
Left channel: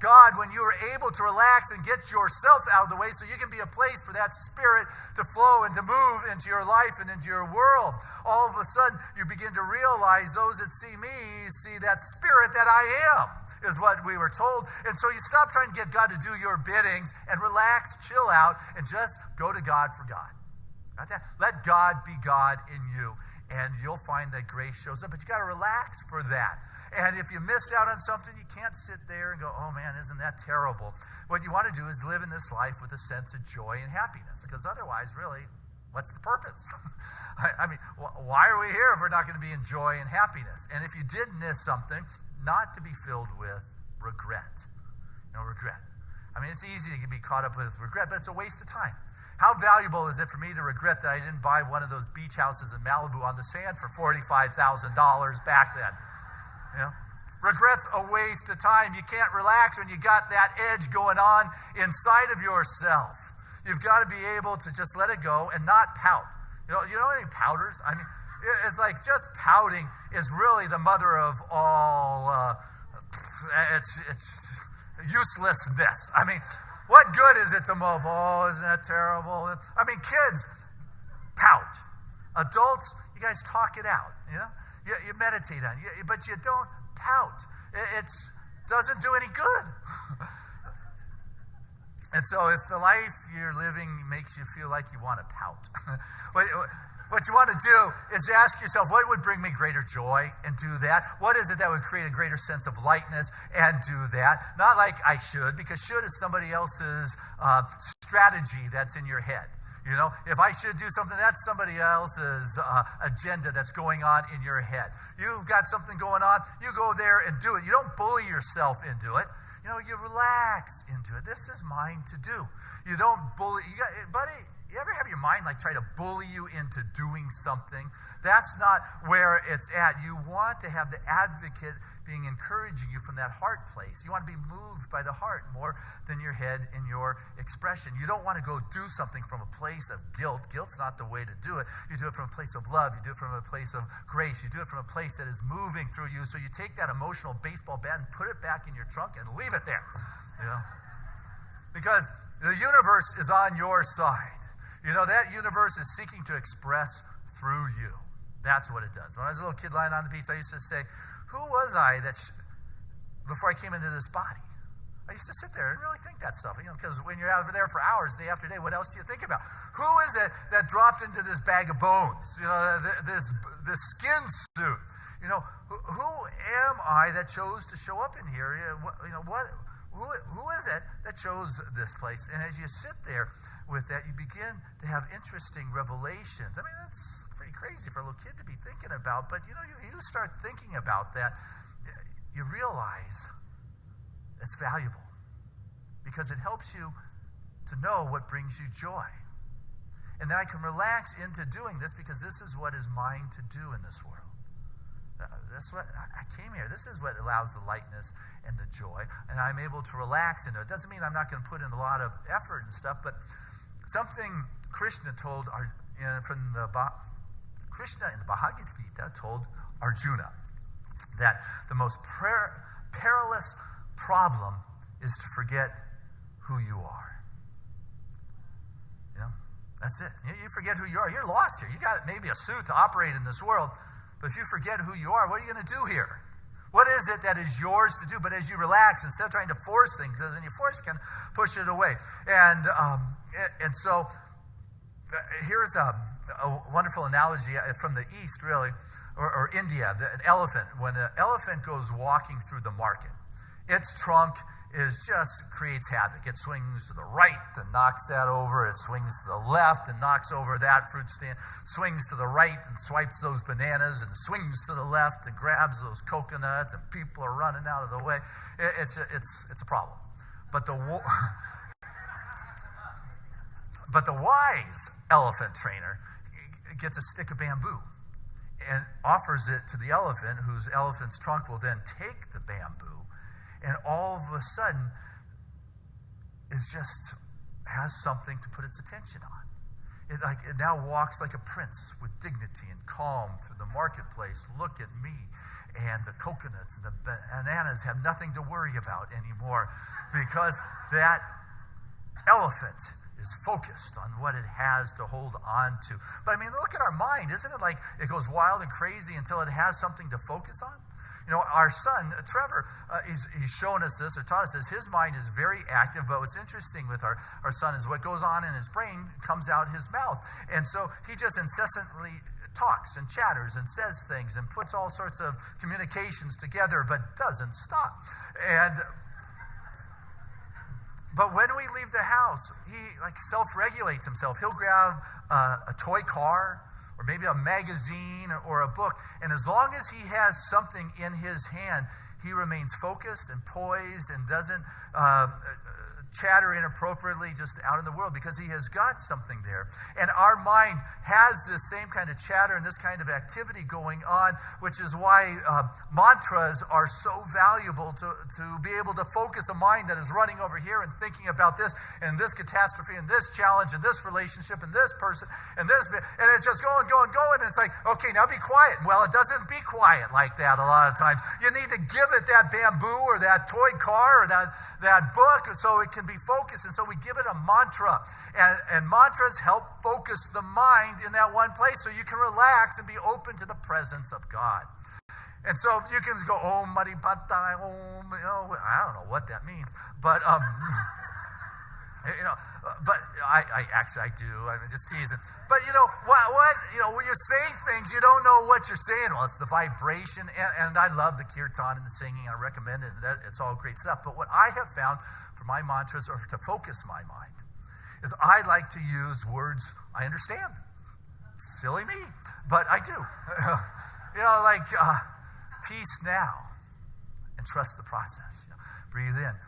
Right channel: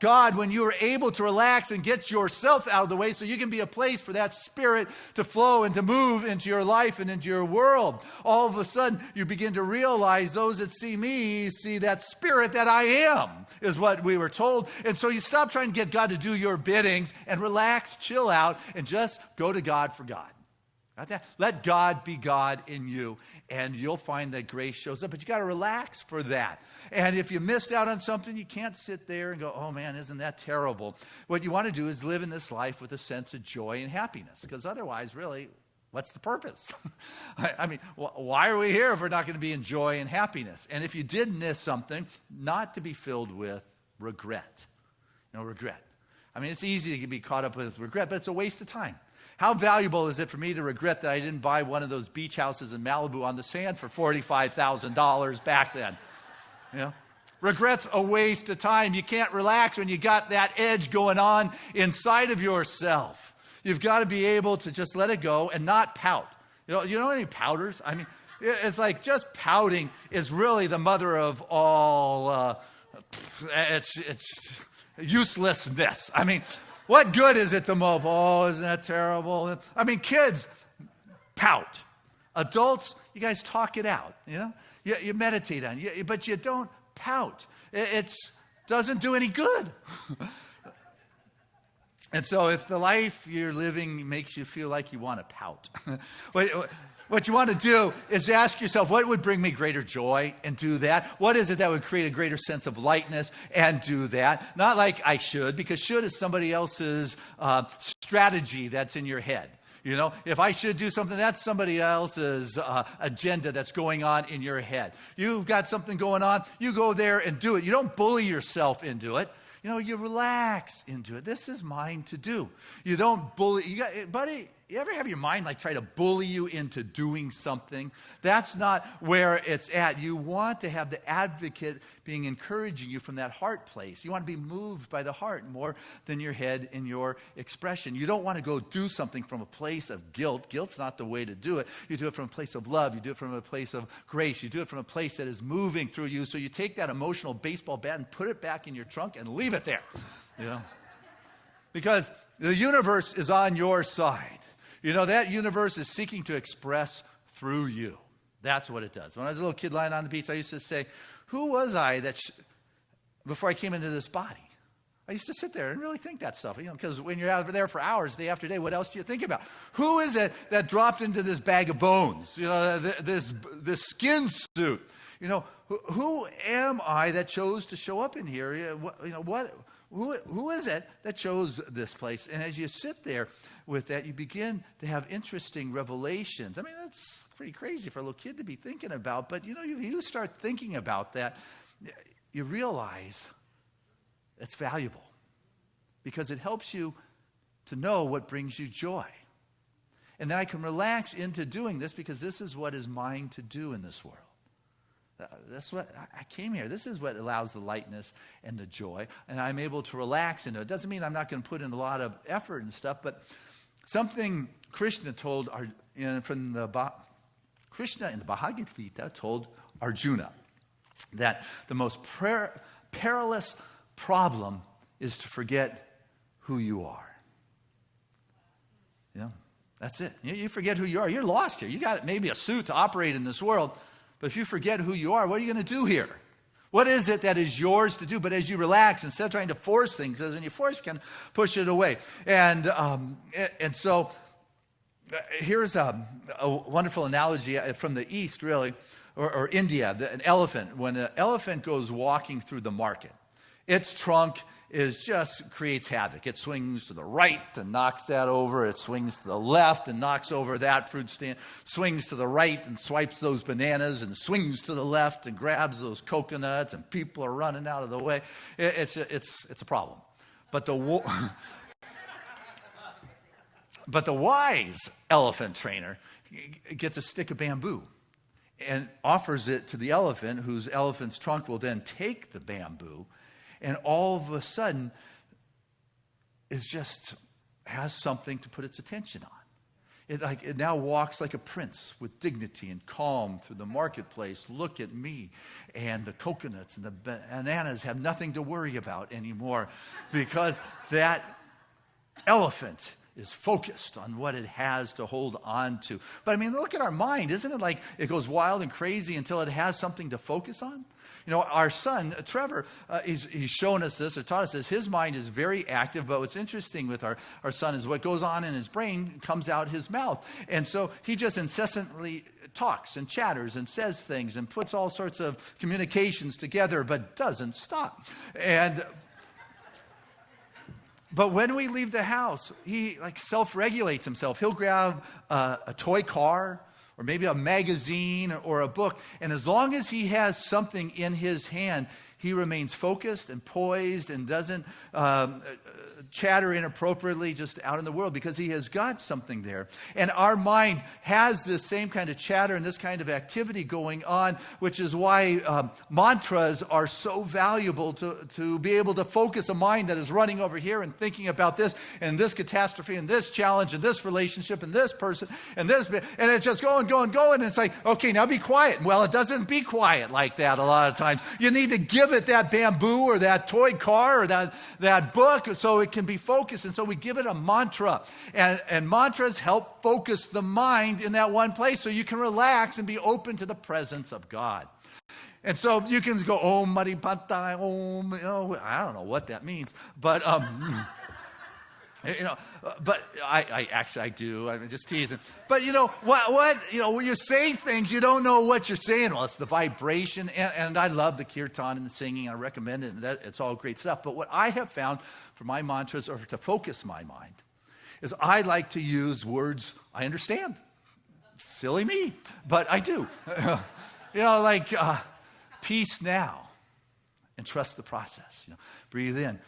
God when you are able to relax and get yourself out of the way, so you can be a place for that Spirit to flow and to move into your life and into your world. All of a sudden, you begin to realize those that see me see that Spirit that I am, is what we were told. And so you stop trying to get God to do your biddings and relax, chill out, and just go to God for God. Got that? Let God be God in you, and you'll find that grace shows up. But you got to relax for that. And if you missed out on something, you can't sit there and go, oh man, isn't that terrible? What you want to do is live in this life with a sense of joy and happiness, because otherwise, really, what's the purpose? I mean, why are we here if we're not going to be in joy and happiness? And if you did miss something, not to be filled with regret. Regret. I mean, it's easy to be caught up with regret, but it's a waste of time. How valuable is it for me to regret that I didn't buy one of those beach houses in Malibu on the sand for $45,000 back then? Regret's a waste of time. You can't relax when you got that edge going on inside of yourself. You've got to be able to just let it go and not pout. You know any pouters? I mean, it's like just pouting is really the mother of all it's uselessness. I mean, what good is it to mope? Oh, isn't that terrible? I mean, kids pout. Adults, you guys talk it out, You meditate on it, but you don't pout. It doesn't do any good. And so if the life you're living makes you feel like you want to pout, what you want to do is ask yourself, what would bring me greater joy, and do that? What is it that would create a greater sense of lightness, and do that? Not like I should, because should is somebody else's strategy that's in your head. If I should do something, that's somebody else's agenda that's going on in your head. You've got something going on, you go there and do it. You don't bully yourself into it. You relax into it. This is mine to do. You don't bully. Buddy, you ever have your mind try to bully you into doing something? That's not where it's at. You want to have the advocate being encouraging you from that heart place. You want to be moved by the heart more than your head in your expression. You don't want to go do something from a place of guilt. Guilt's not the way to do it. You do it from a place of love. You do it from a place of grace. You do it from a place that is moving through you. So you take that emotional baseball bat and put it back in your trunk and leave it there. Because the universe is on your side. That universe is seeking to express through you. That's what it does. When I was a little kid lying on the beach, I used to say, who was I before I came into this body? I used to sit there and really think that stuff, because when you're out there for hours, day after day, what else do you think about? Who is it that dropped into this bag of bones, this skin suit? Who am I that chose to show up in here? Who is it that chose this place? And as you sit there with that, you begin to have interesting revelations. I mean, that's pretty crazy for a little kid to be thinking about, but you start thinking about that, you realize it's valuable because it helps you to know what brings you joy. And then I can relax into doing this because this is what is mine to do in this world. That's what I came here. This is what allows the lightness and the joy, and I'm able to relax into it. It doesn't mean I'm not going to put in a lot of effort and stuff, but something Krishna told Krishna in the Bhagavad Gita told Arjuna that the most perilous problem is to forget who you are. That's it. You forget who you are. You're lost here. You got maybe a suit to operate in this world, but if you forget who you are, what are you going to do here? What is it that is yours to do? But as you relax, instead of trying to force things, because when you force, you can push it away. And so here's a wonderful analogy from the East, really, or India, an elephant. When an elephant goes walking through the market, its trunk just creates havoc. It swings to the right and knocks that over. It swings to the left and knocks over that fruit stand. Swings to the right and swipes those bananas, and swings to the left and grabs those coconuts, and people are running out of the way. It's a problem. But the wise elephant trainer gets a stick of bamboo and offers it to the elephant, whose elephant's trunk will then take the bamboo, and all of a sudden has something to put its attention on. It now walks like a prince with dignity and calm through the marketplace. Look at me. And the coconuts and the bananas have nothing to worry about anymore because that elephant is focused on what it has to hold on to. But I mean, look at our mind. Isn't it like it goes wild and crazy until it has something to focus on? Our son, Trevor, he's shown us this or taught us this. His mind is very active, but what's interesting with our son is what goes on in his brain comes out his mouth. And so he just incessantly talks and chatters and says things and puts all sorts of communications together, but doesn't stop. But when we leave the house, he self-regulates himself. He'll grab a toy car or maybe a magazine or a book, and as long as he has something in his hand, he remains focused and poised and doesn't chatter inappropriately just out in the world because he has got something there. And our mind has this same kind of chatter and this kind of activity going on, which is why mantras are so valuable to be able to focus a mind that is running over here and thinking about this and this catastrophe and this challenge and this relationship and this person and this, and it's just going, and it's like, okay, now be quiet. Well, it doesn't be quiet like that a lot of times. You need to give it that bamboo or that toy car or that book so it can be focused, and so we give it a mantra, and mantras help focus the mind in that one place so you can relax and be open to the presence of God. And so you can go Om Mani Padme Om. I don't know what that means, but but I do. I'm just teasing. But what when you say things, you don't know what you're saying. Well, it's the vibration, and I love the kirtan and the singing. I recommend it, and it's all great stuff. But what I have found for my mantras, or to focus my mind, is I like to use words I understand. Silly me, but I do. Like peace now, and trust the process. Breathe in,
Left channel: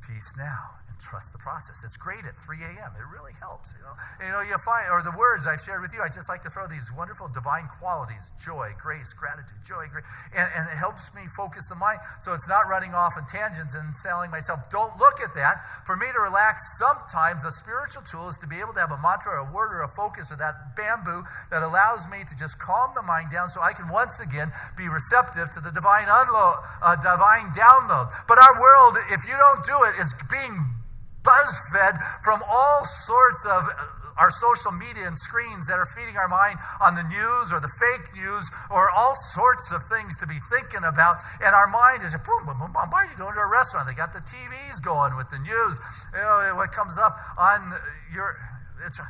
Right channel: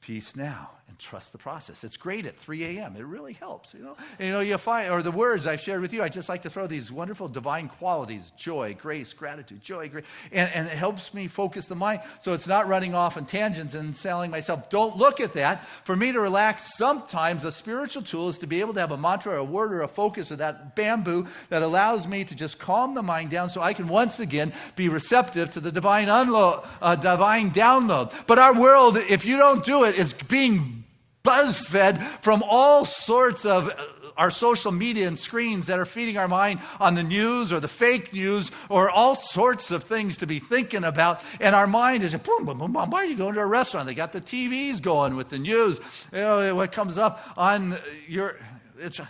peace now, and trust the process. It's great at 3 a.m. It really helps, you find, or the words I've shared with you, I just like to throw these wonderful divine qualities: joy, grace, gratitude, joy, grace, and it helps me focus the mind so it's not running off on tangents and telling myself, don't look at that. For me to relax, sometimes a spiritual tool is to be able to have a mantra or a word or a focus or that bamboo that allows me to just calm the mind down so I can once again be receptive to the divine download. But our world, if you don't do it, is being buzz-fed from all sorts of our social media and screens that are feeding our mind on the news or the fake news or all sorts of things to be thinking about. And our mind is, boom, boom, boom, boom. Why are you going to a restaurant? They got the TVs going with the news. You know, what comes up on your, it's,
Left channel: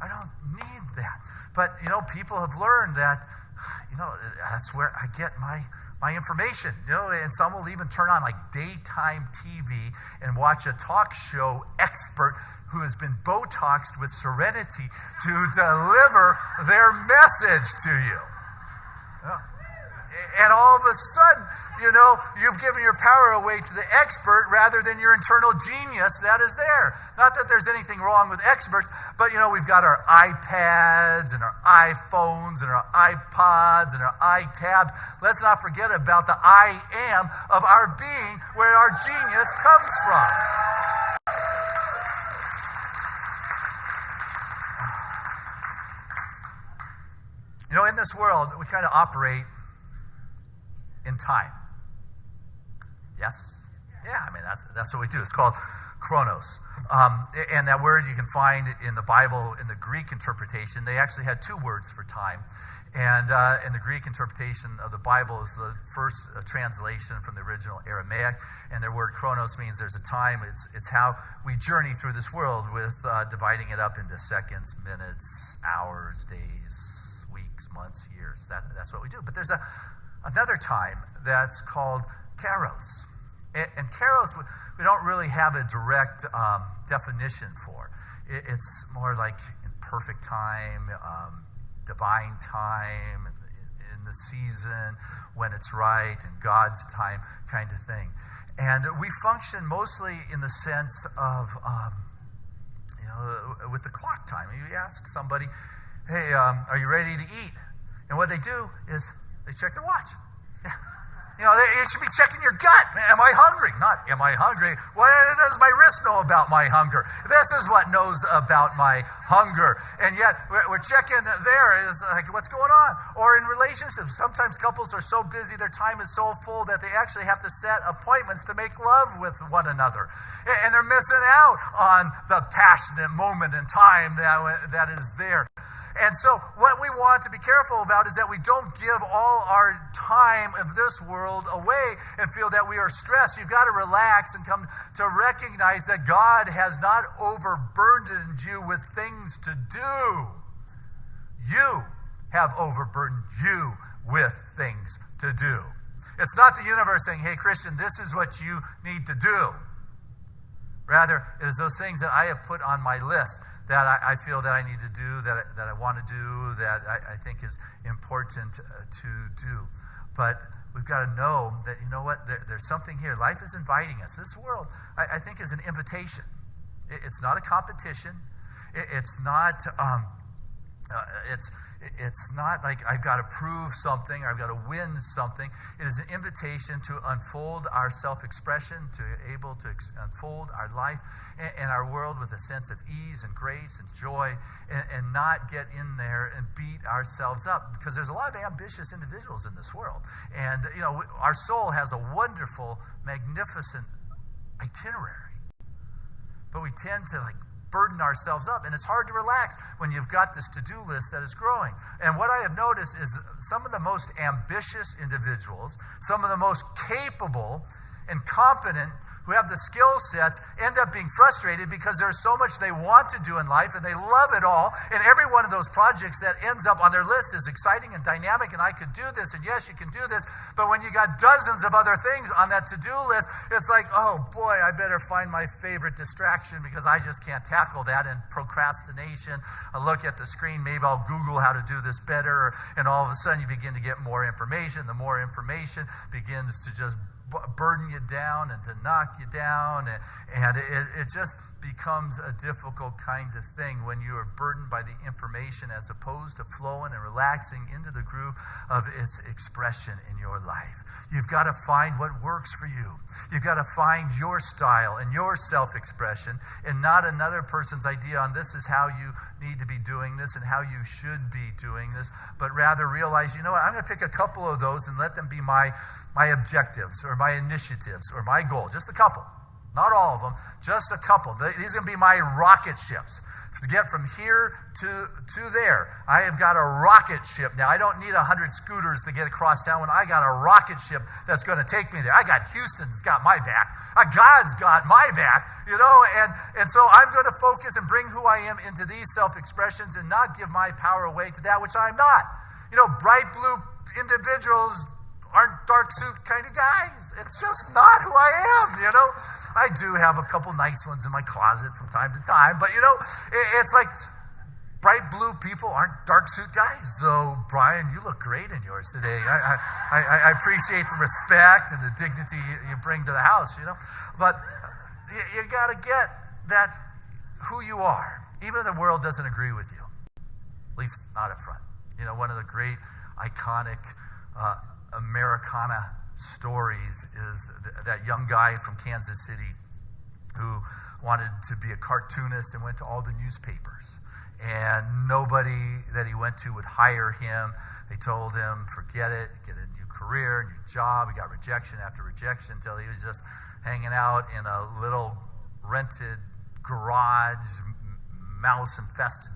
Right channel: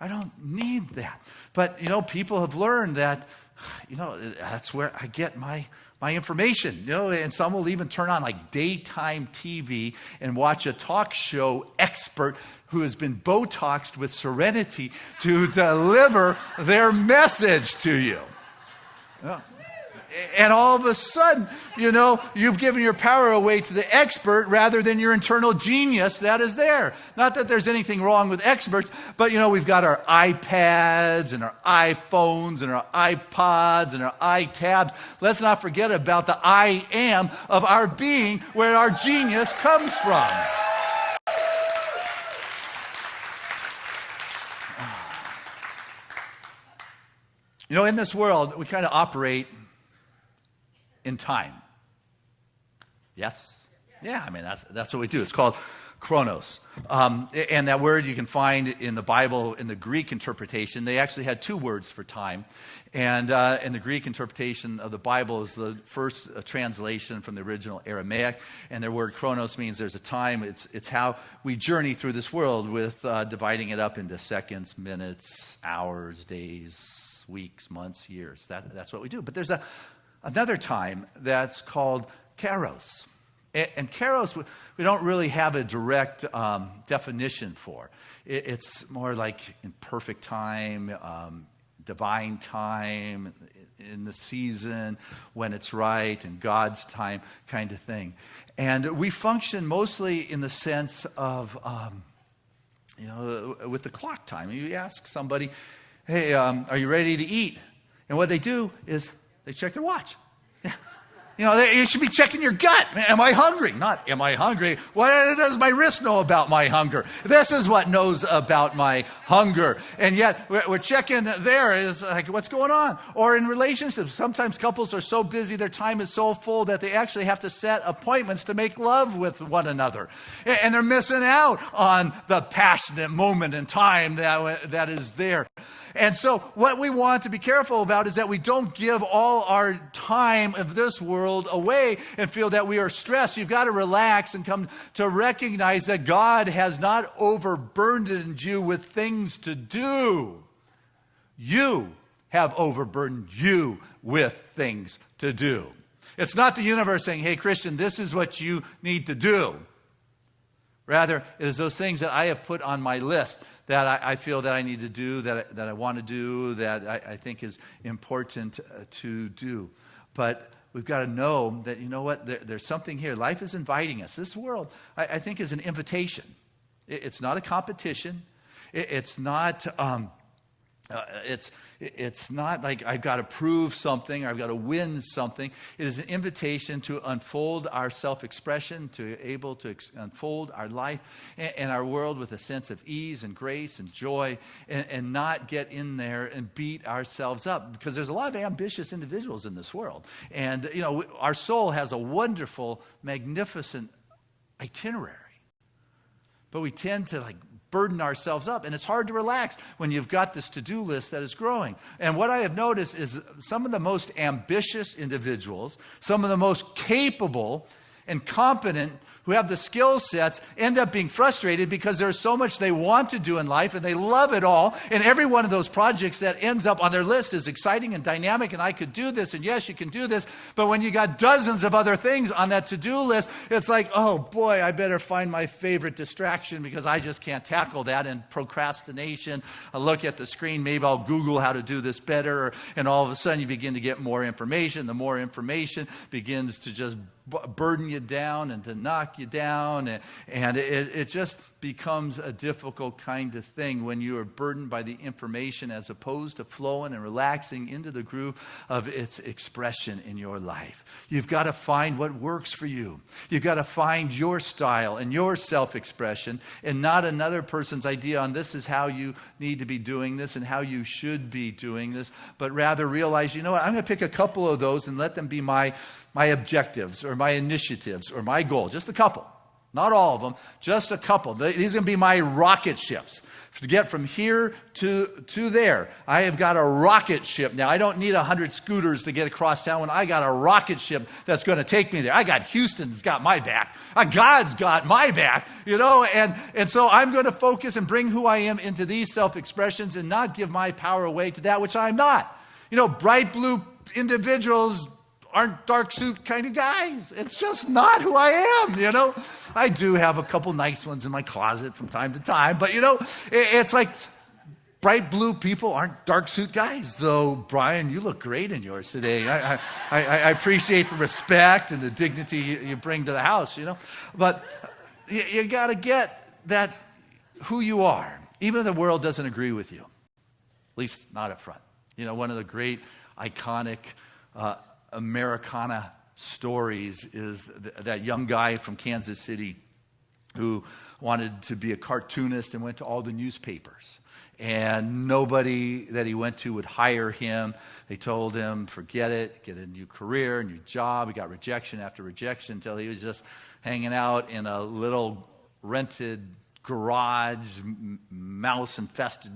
I don't need that. But, you know, people have learned that, you know, that's where I get my information, you know, and some will even turn on like daytime TV and watch a talk show expert who has been Botoxed with Serenity to deliver their message to you. Yeah. And all of a sudden, you know, you've given your power away to the expert rather than your internal genius that is there. Not that there's anything wrong with experts, but, you know, we've got our iPads and our iPhones and our iPods and our iTabs. Let's not forget about the I am of our being, where our genius comes from. You know, in this world, we kind of operate in time. Yes? Yeah, I mean, that's what we do. It's called chronos. And that word you can find in the Bible, in the Greek interpretation. They actually had two words for time. And in the Greek interpretation of the Bible is the first translation from the original Aramaic. And their word chronos means there's a time. It's how we journey through this world with dividing it up into seconds, minutes, hours, days, weeks, months, years. That's what we do. But there's another time that's called kairos. And kairos, we don't really have a direct definition for. It's more like in perfect time, divine time, in the season, when it's right, in God's time kind of thing. And we function mostly in the sense of, you know, with the clock time. You ask somebody, hey, are you ready to eat? And what they do is they check their watch. Yeah. You know, you should be checking your gut. Am I hungry? Not, am I hungry? What does my wrist know about my hunger? This is what knows about my hunger. And yet, we're checking there is like, what's going on? Or in relationships, sometimes couples are so busy, their time is so full that they actually have to set appointments to make love with one another. And they're missing out on the passionate moment in time that is there. And so what we want to be careful about is that we don't give all our time of this world away and feel that we are stressed. You've got to relax and come to recognize that God has not overburdened you with things to do. You have overburdened you with things to do. It's not the universe saying, hey, Christian, this is what you need to do. Rather, it is those things that I have put on my list that I feel that I need to do, that I want to do, that I think is important to do. But we've got to know that, you know what, there's something here. Life is inviting us. This world, I think, is an invitation. It's not a competition. It's not... It's not like I've got to prove something or I've got to win something. It is an invitation to unfold our self-expression, to able to unfold our life and our world with a sense of ease and grace and joy, and not get in there and beat ourselves up, because there's a lot of ambitious individuals in this world. And, you know, our soul has a wonderful, magnificent itinerary. But we tend to burden ourselves up, and it's hard to relax when you've got this to-do list that is growing. And what I have noticed is some of the most ambitious individuals, some of the most capable and competent who have the skill sets, end up being frustrated because there's so much they want to do in life and they love it all, and every one of those projects that ends up on their list is exciting and dynamic, and I could do this, and yes, you can do this. But when you got dozens of other things on that to-do list, it's like, oh boy, I better find my favorite distraction because I just can't tackle that. And procrastination, I look at the screen, maybe I'll Google how to do this better, and all of a sudden you begin to get more information. The more information begins to just burden you down and to knock you down, and it just becomes a difficult kind of thing when you are burdened by the information as opposed to flowing and relaxing into the groove of its expression in your life. You've got to find what works for you. You've got to find your style and your self-expression, and not another person's idea on this is how you need to be doing this and how you should be doing this, but rather realize, you know what, I'm going to pick a couple of those and let them be my objectives or my initiatives or my goal, just a couple. Not all of them, just a couple. These are going to be my rocket ships. To get from here to there, I have got a rocket ship. Now, I don't need 100 scooters to get across town when I got a rocket ship that's going to take me there. I got Houston's got my back. God's got my back, and so I'm going to focus and bring who I am into these self-expressions and not give my power away to that which I'm not. Bright blue individuals aren't dark suit kind of guys. It's just not who I am, I do have a couple nice ones in my closet from time to time, but it's like bright blue people aren't dark suit guys, though. Brian, you look great in yours today. I appreciate the respect and the dignity you bring to the house, but you got to get that who you are, even if the world doesn't agree with you, at least not up front. One of the great iconic Americana stories is that young guy from Kansas City who wanted to be a cartoonist and went to all the newspapers. And nobody that he went to would hire him. They told him, forget it, get a new career, new job. He got rejection after rejection until he was just hanging out in a little rented garage, mouse-infested,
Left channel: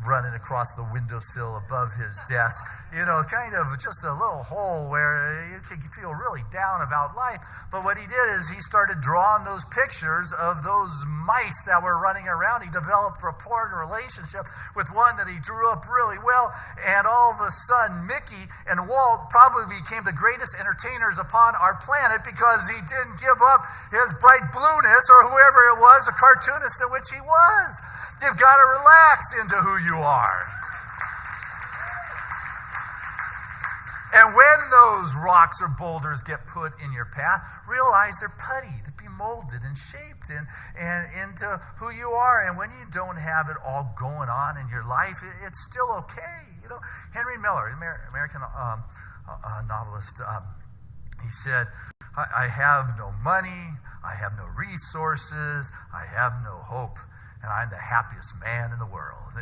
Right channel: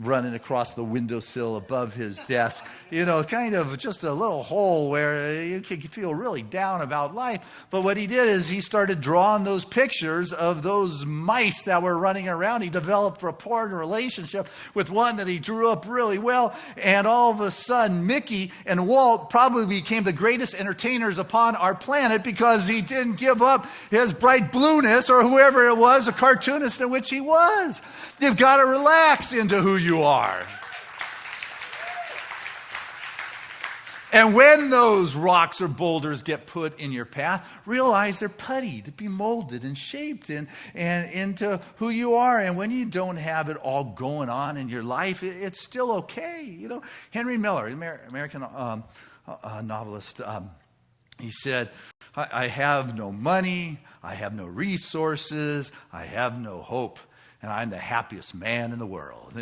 running across the windowsill above his desk, kind of just a little hole where you could feel really down about life. But what he did is he started drawing those pictures of those mice that were running around. He developed rapport and relationship with one that he drew up really well, and all of a sudden Mickey and Walt probably became the greatest entertainers upon our planet because he didn't give up his bright blueness, or whoever it was, a cartoonist in which he was. You've got to relax into who you are. And when those rocks or boulders get put in your path, realize they're putty to be molded and shaped and into who you are. And when you don't have it all going on in your life, it's still okay. Henry Miller, American novelist, he said, I have no money, I have no resources, I have no hope, and I'm the happiest man in the world.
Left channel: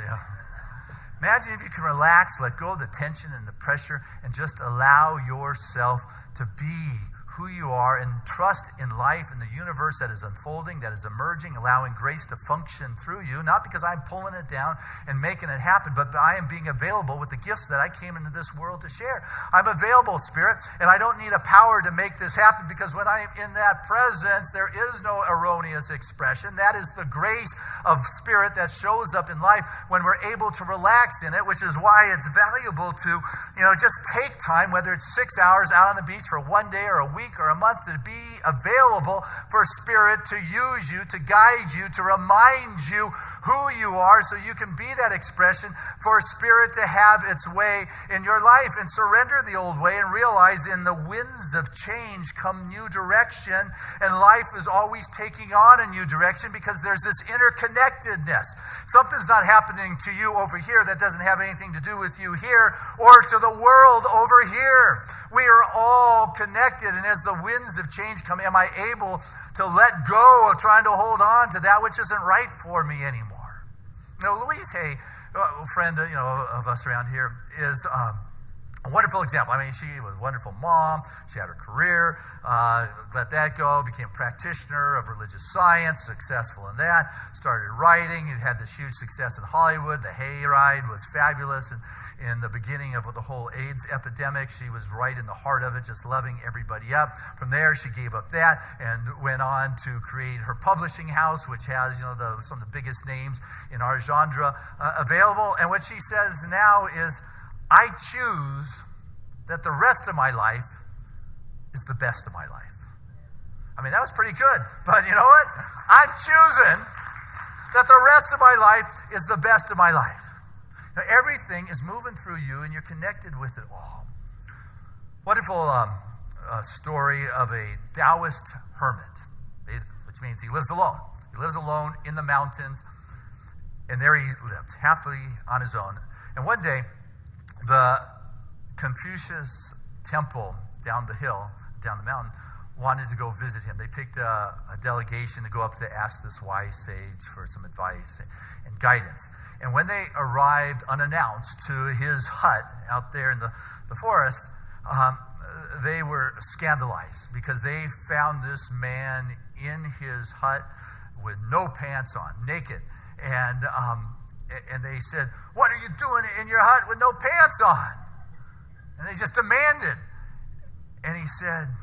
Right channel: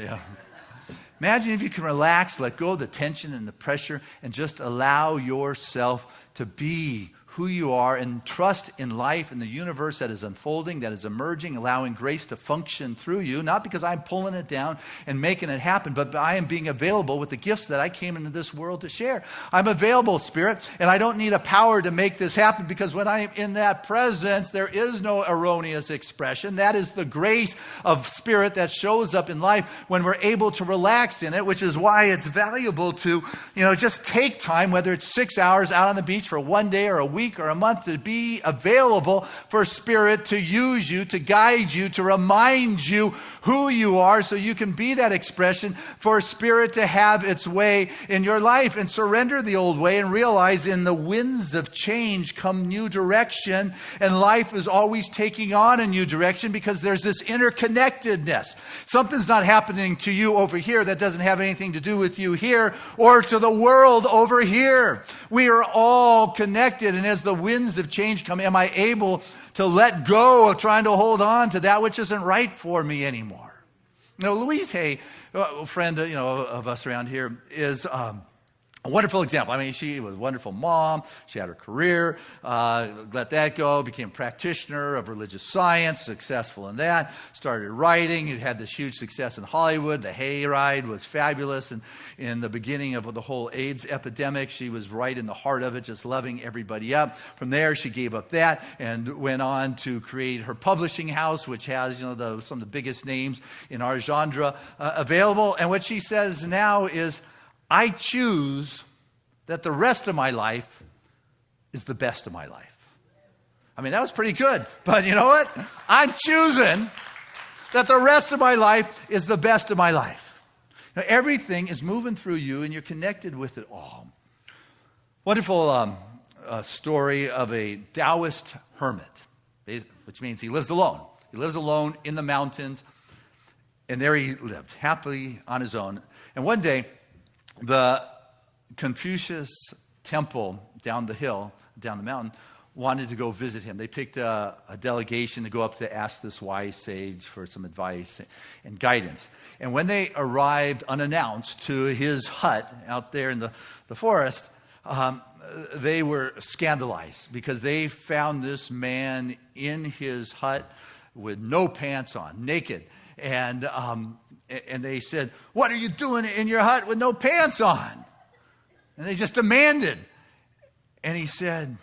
Imagine if you can relax, let go of the tension and the pressure, and just allow yourself to be who you are and trust in life and the universe that is unfolding, that is emerging, allowing grace to function through you, not because I'm pulling it down and making it happen, but I am being available with the gifts that I came into this world to share. I'm available, Spirit, and I don't need a power to make this happen, because when I am in that presence, there is no erroneous expression. That is the grace of Spirit that shows up in life when we're able to relax in it, which is why it's valuable to, just take time, whether it's 6 hours out on the beach for one day or a week or a month, to be available for Spirit to use you, to guide you, to remind you who you are, so you can be that expression for Spirit to have its way in your life, and surrender the old way and realize in the winds of change come new direction, and life is always taking on a new direction because there's this interconnectedness. Something's not happening to you over here that doesn't have anything to do with you here, or to the world over here. We are all connected, and as the winds of change come, am I able to let go of trying to hold on to that which isn't right for me anymore? Louise Hay, a friend of us around here, is a wonderful example. She was a wonderful mom. She had her career, let that go, became a practitioner of religious science, successful in that, started writing, had this huge success in Hollywood. The Hayride was fabulous, and in the beginning of the whole AIDS epidemic, she was right in the heart of it, just loving everybody up. From there, she gave up that and went on to create her publishing house, which has some of the biggest names in our genre available. And what she says now is, I choose that the rest of my life is the best of my life. That was pretty good, but you know what? I'm choosing that the rest of my life is the best of my life. Now, everything is moving through you, and you're connected with it all. Wonderful story of a Taoist hermit, which means he lives alone. He lives alone in the mountains, and there he lived, happily on his own. And one day, the Confucius temple down the mountain, wanted to go visit him. They picked a delegation to go up to ask this wise sage for some advice and guidance. And when they arrived unannounced to his hut out there in the forest, they were scandalized because they found this man in his hut with no pants on, naked. And they said, "What are you doing in your hut with no pants on?" And they just demanded. And he said,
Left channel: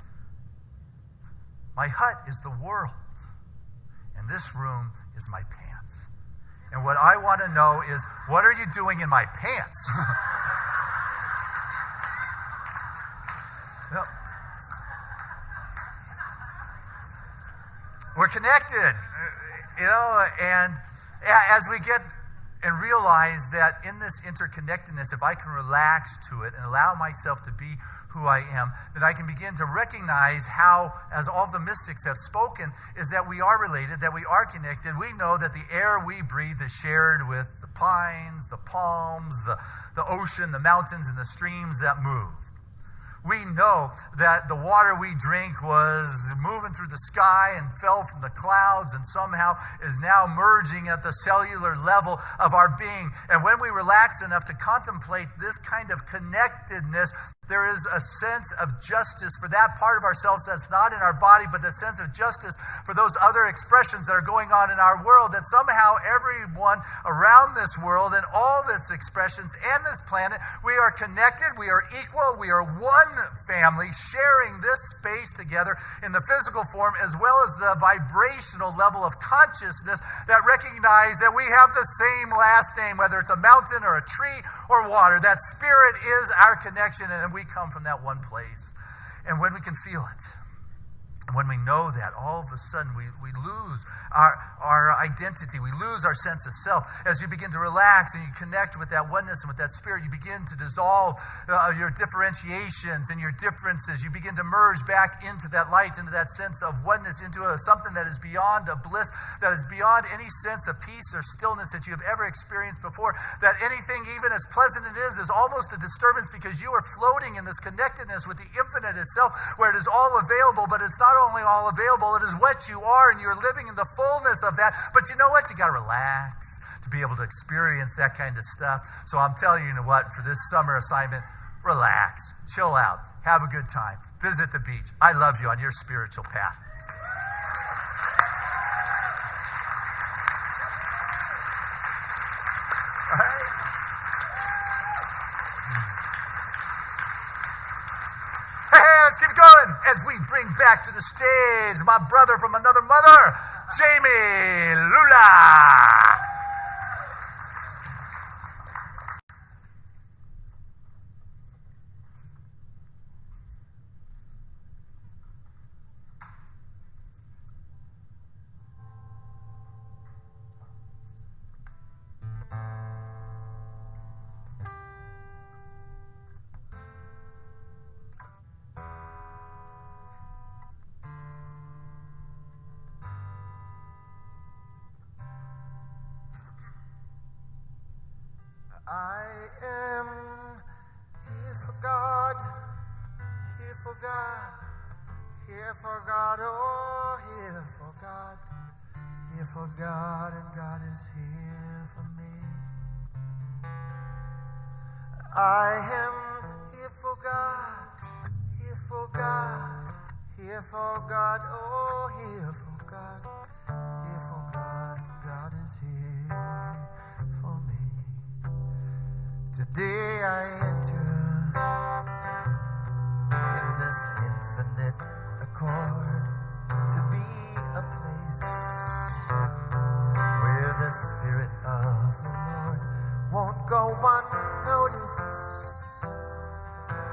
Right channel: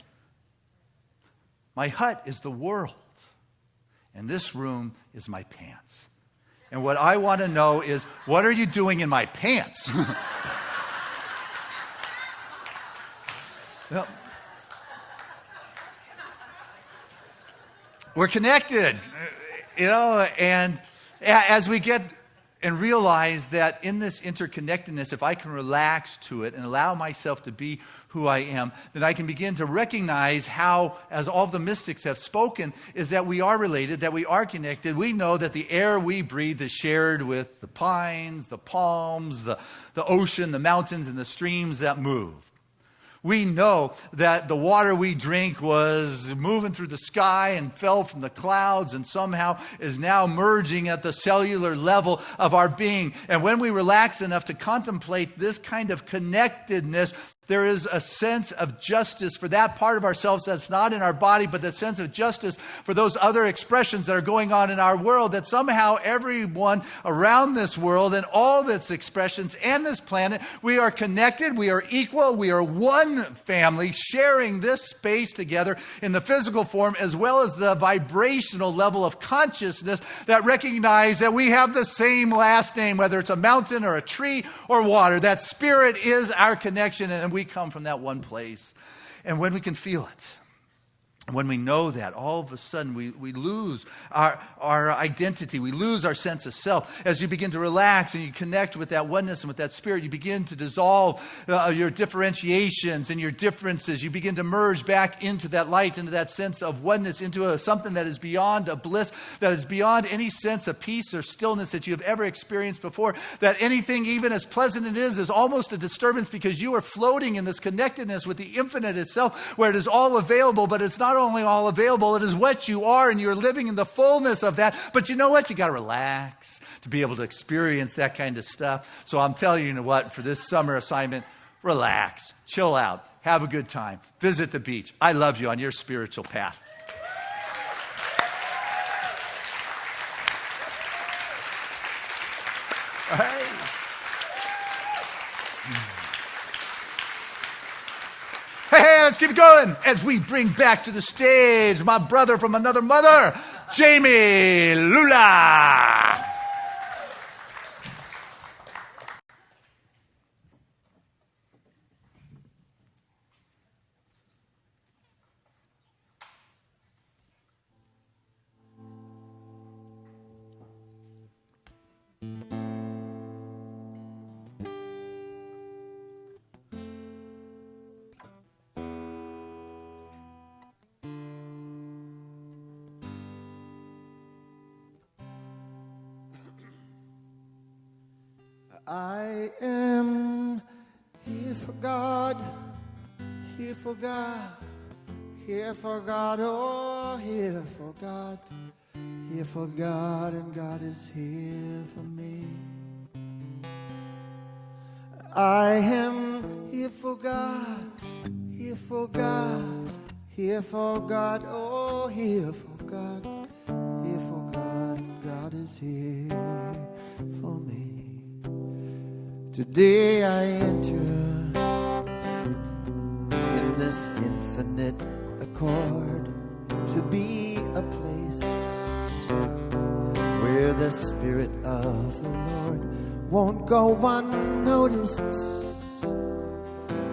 "My hut is the world, and this room is my pants. And what I want to know is, what are you doing in my pants?" Well, we're connected, and as we get and realize that in this interconnectedness, if I can relax to it and allow myself to be who I am, then I can begin to recognize how, as all of the mystics have spoken, is that we are related, that we are connected. We know that the air we breathe is shared with the pines, the palms, the ocean, the mountains, and the streams that move. We know that the water we drink was moving through the sky and fell from the clouds and somehow is now merging at the cellular level of our being. And when we relax enough to contemplate this kind of connectedness, there is a sense of justice for that part of ourselves that's not in our body, but that sense of justice for those other expressions that are going on in our world, that somehow everyone around this world and all its expressions and this planet, we are connected, we are equal, we are one family sharing this space together in the physical form as well as the vibrational level of consciousness that recognize that we have the same last name, whether it's a mountain or a tree or water. That spirit is our connection, and we come from that one place. And when we can feel it, when we know that, all of a sudden we lose our identity. We lose our sense of self. As you begin to relax and you connect with that oneness and with that spirit, you begin to dissolve your differentiations and your differences. You begin to merge back into that light, into that sense of oneness, into something that is beyond a bliss, that is beyond any sense of peace or stillness that you have ever experienced before. That anything, even as pleasant it is almost a disturbance because you are floating in this connectedness with the infinite itself, where it is all available, but it's not only all available, it is what you are, and you're living in the fullness of that. But you know what? You got to relax to be able to experience that kind of stuff. So I'm telling you, what? For this summer assignment, relax, chill out, have a good time, visit the beach. I love you on your spiritual path. All right. Hey, let's keep it going as we bring back to the stage my brother from another mother, Jamie Lula. I am here for God, here for God, here for God, oh, here for God, here for God, and God is here for me. I am here for God, here for God, here for God, oh, here for God, here for God, and God is here for me. Today I enter in this infinite accord to be a place where the Spirit of the Lord won't go unnoticed.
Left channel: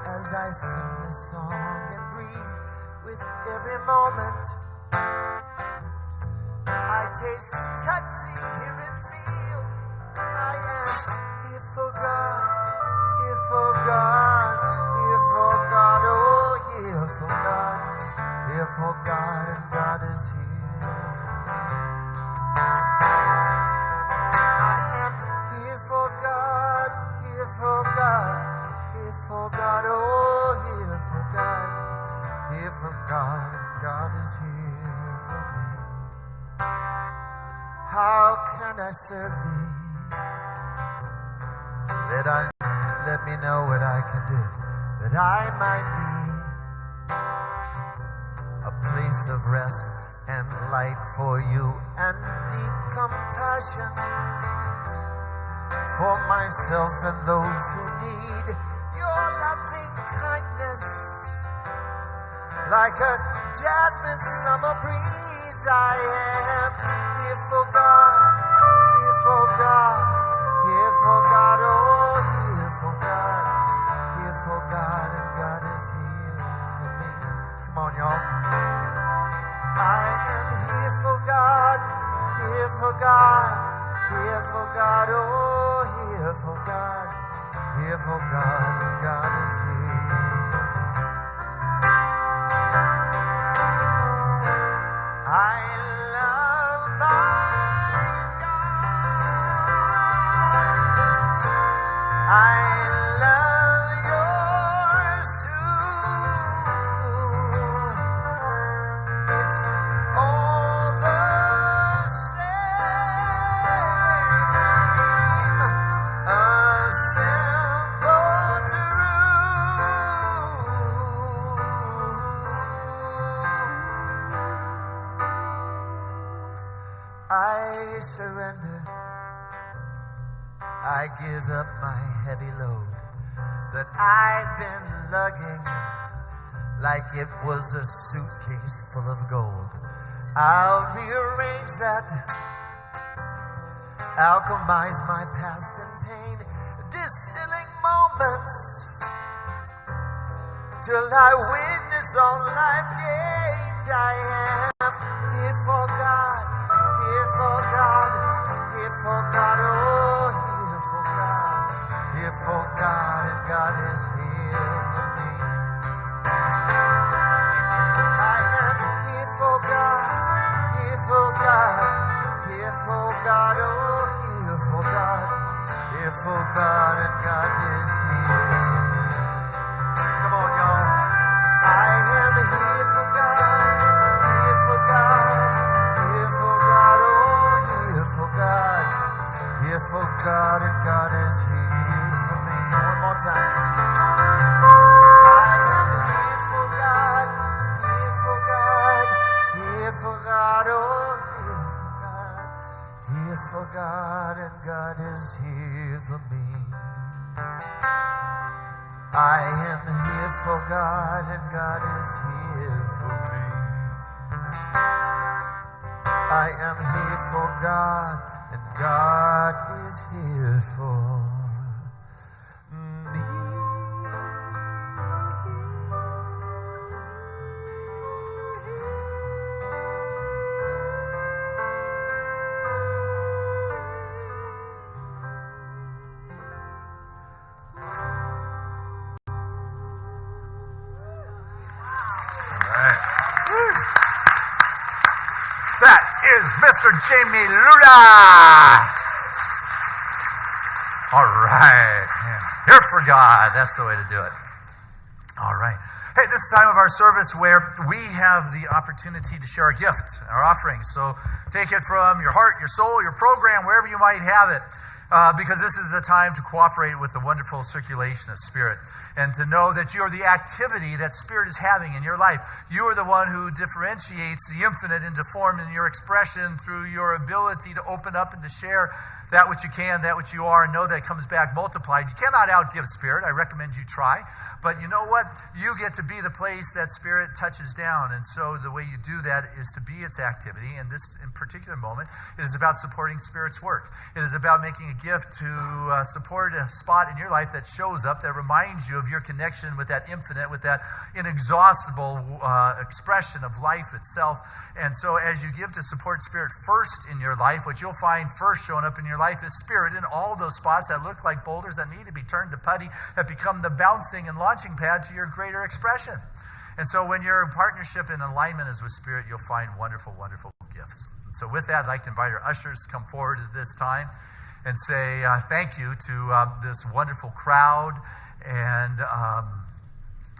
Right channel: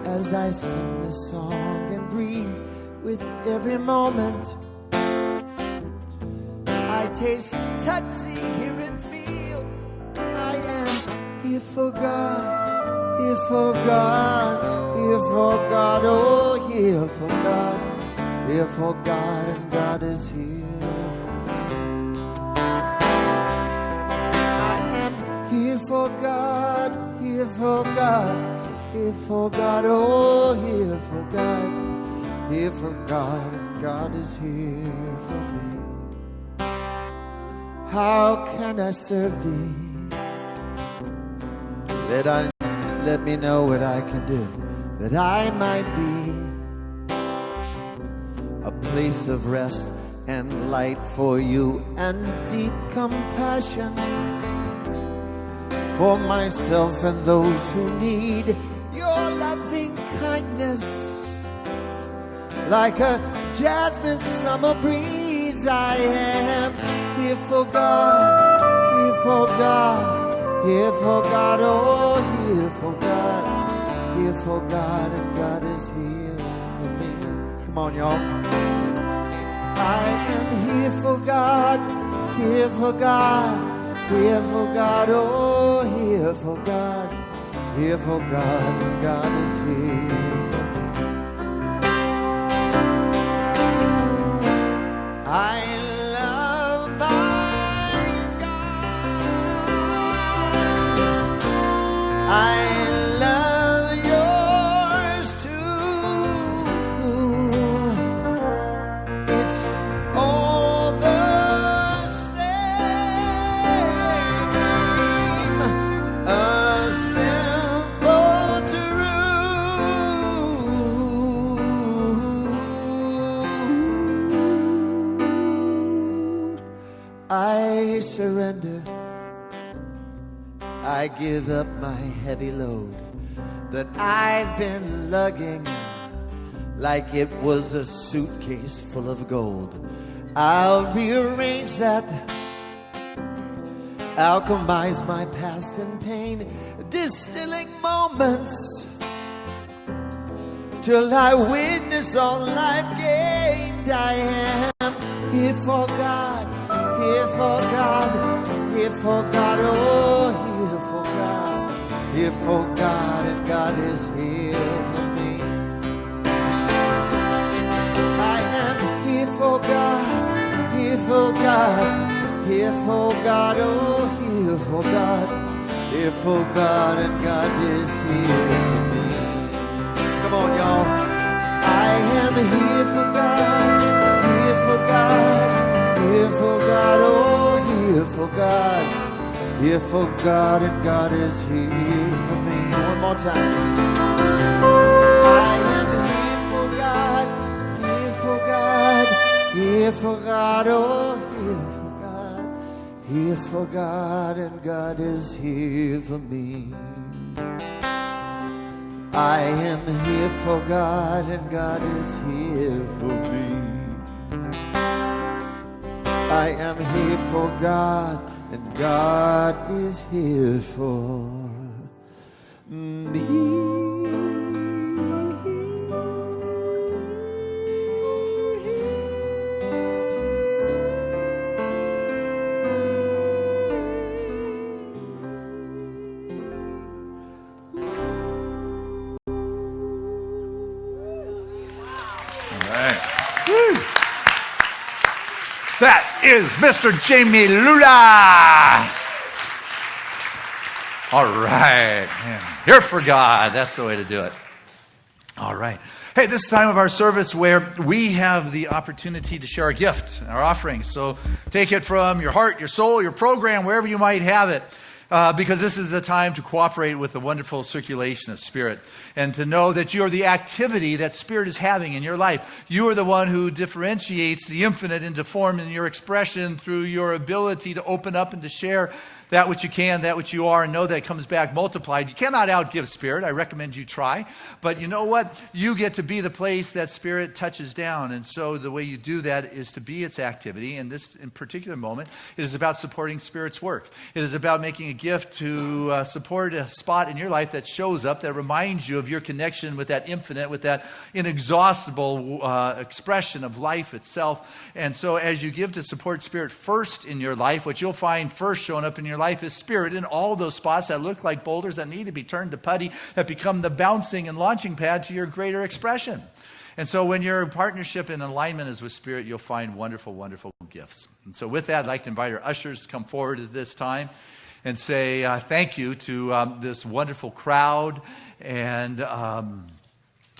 As I sing this song and breathe with every moment, I taste, touch, see, hear, and feel. I am here for God, here for God, here for God, oh, here for God, here for God, and God is here. I am here for God, here for God, here for God, oh, here for God, here for God, and God is here for me. How can I serve thee? Let me know what I can do. that I might be a place of rest and light for you, and deep compassion for myself and those who need your loving kindness. Like a jasmine summer breeze, I am here for God, here for God, here for God, oh, here for God, here for God, and God is here for me. Come on, y'all. I am here for God, here for God, here for God, oh, here for God, here for God, and God is here for me. I love my God. I love yours too. It's all the same. A simple truth. I surrender. I give up my heavy load that I've been lugging like it was a suitcase full of gold. I'll rearrange that, alchemize my past and pain, distilling moments till I witness all I've gained. I am here for God, here for God, here for God, oh, here for God, here for God, and God is here for me. I am here for God, here for God, here for God, oh, here for God, here for God, and God is here for me. Come on, y'all. I am here for God, here for God, here for God, oh, here for God, here for God, and God is here for me. One more time. I am here for God, here for God, here for God, oh, here for God, here for God, and God is here for me. I am here for God, and God is here for me. I am here for God, and God is here for me. That is Mr. Jamie Lula. All right. Man, here for God. That's the way to do it. All right. Hey, this is the time of our service where we have the opportunity to share our gift, our offering. So take it from your heart, your soul, your program, wherever you might have it. Because this is the time to cooperate with the wonderful circulation of Spirit and to know that you are the activity that Spirit is having in your life. You are the one who differentiates the infinite into form in your expression through your ability to open up and to share that which you can, that which you are, and know that it comes back multiplied. You cannot outgive Spirit. I recommend you try. But you know what? You get to be the place that Spirit touches down. And so the way you do that is to be its activity. And this, in particular moment, it is about supporting Spirit's work. It is about making a gift to support a spot in your life that shows up, that reminds you of your connection with that infinite, with that inexhaustible expression of life itself. And so as you give to support Spirit first in your life, what you'll find first showing up in your life is Spirit in all those spots that look like boulders that need to be turned to putty, that become the bouncing and launching pad to your greater expression. And so when your partnership and alignment is with Spirit, you'll find wonderful, wonderful gifts. And so with that, I'd like to invite our ushers to come forward at this time and say thank you to this wonderful crowd. And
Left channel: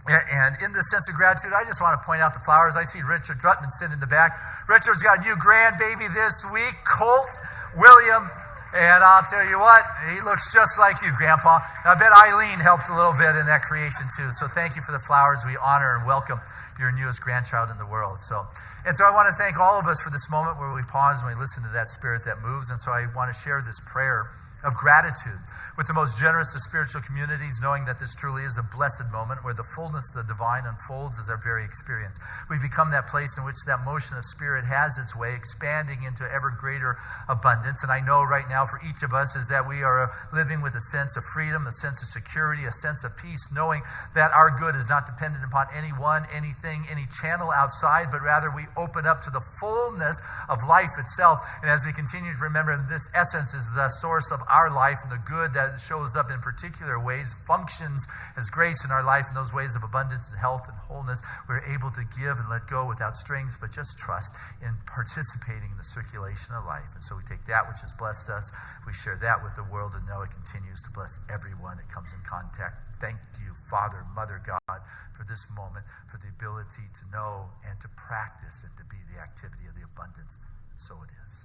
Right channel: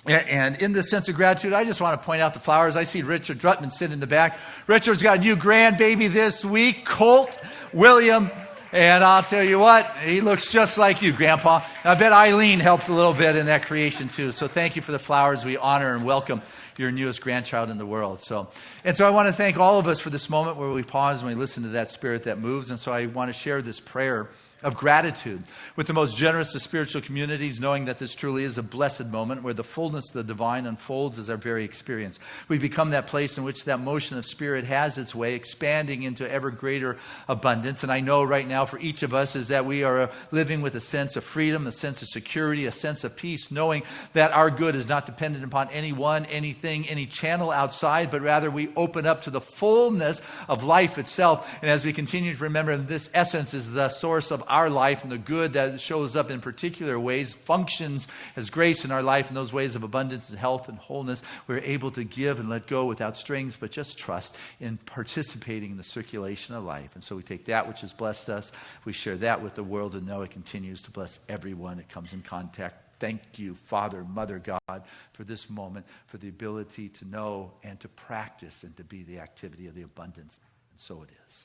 in this sense of gratitude, I just want to point out the flowers. I see Richard Drutman sitting in the back. Richard's got a new grandbaby this week, Colt William And I'll tell you what, he looks just like you, Grandpa. And I bet Eileen helped a little bit in that creation too. So thank you for the flowers. We honor and welcome your newest grandchild in the world. So I want to thank all of us for this moment where we pause and we listen to that spirit that moves. And so I want to share this prayer of gratitude with the most generous of spiritual communities, knowing that this truly is a blessed moment where the fullness of the divine unfolds as our very experience. We become that place in which that motion of spirit has its way, expanding into ever greater abundance. And I know right now for each of us is that we are living with a sense of freedom, a sense of security, a sense of peace, knowing that our good is not dependent upon anyone, anything, any channel outside, but rather we open up to the fullness of life itself. And as we continue to remember, this essence is the source of our life, and the good that shows up in particular ways functions as grace in our life in those ways of abundance and health and wholeness. We're able to give and let go without strings, but just trust in participating in the circulation of life. And so we take that which has blessed us, we share that with the world, and know it continues to bless everyone it comes in contact. Thank you, Father, Mother, God, for this moment, for the ability to know and to practice and to be the activity of the abundance. So it is.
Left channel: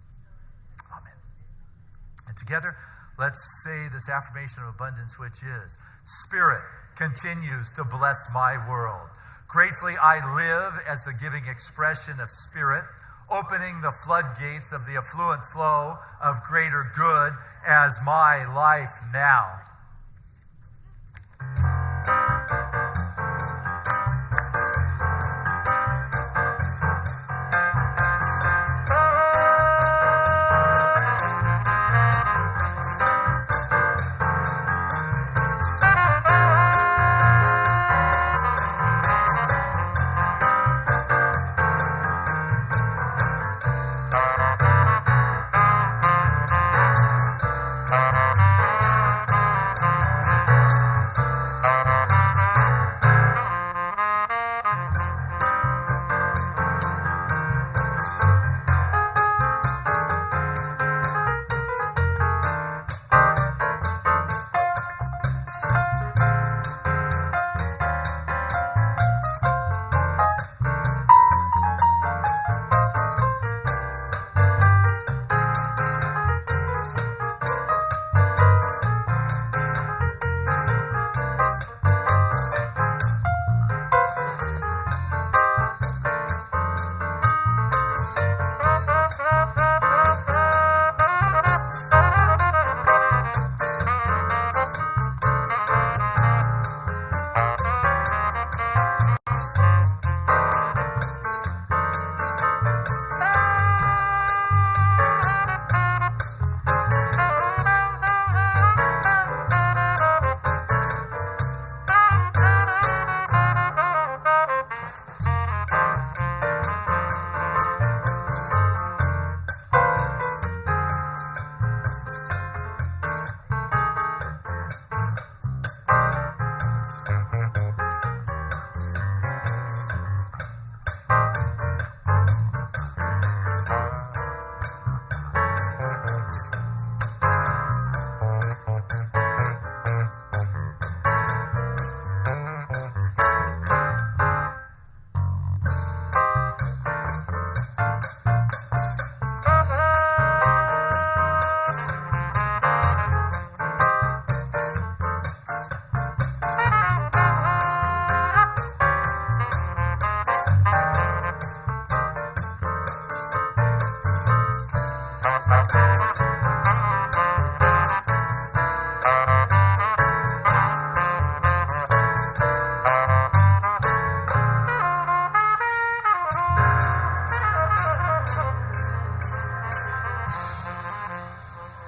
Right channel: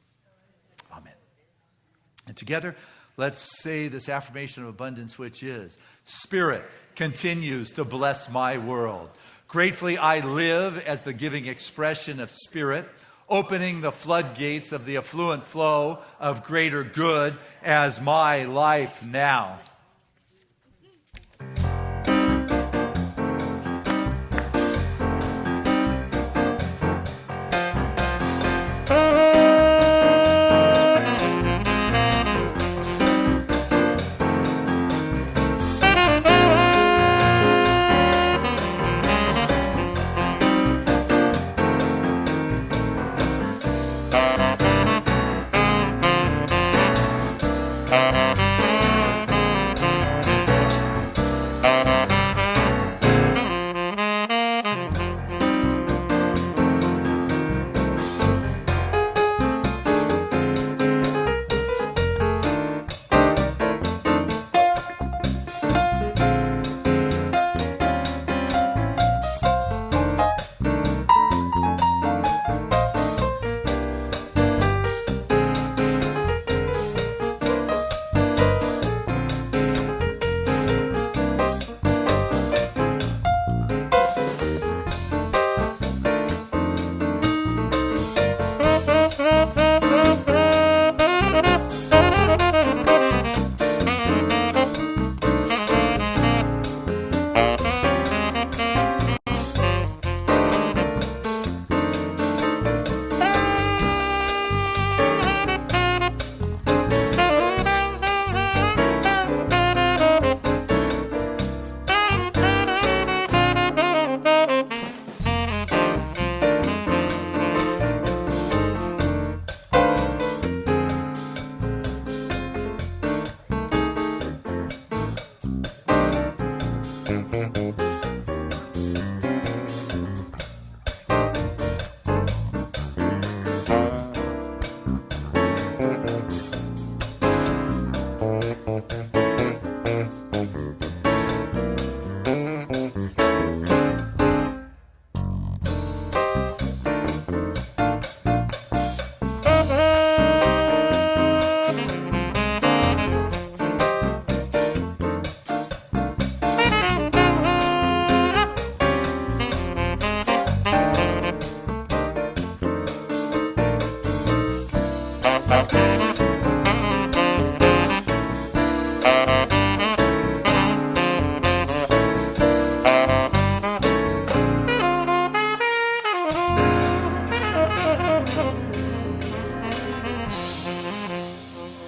Amen. And together, let's say this affirmation of abundance, which is, Spirit continues to bless my world. Gratefully, I live as the giving expression of Spirit, opening the floodgates of the affluent flow of greater good as my life now.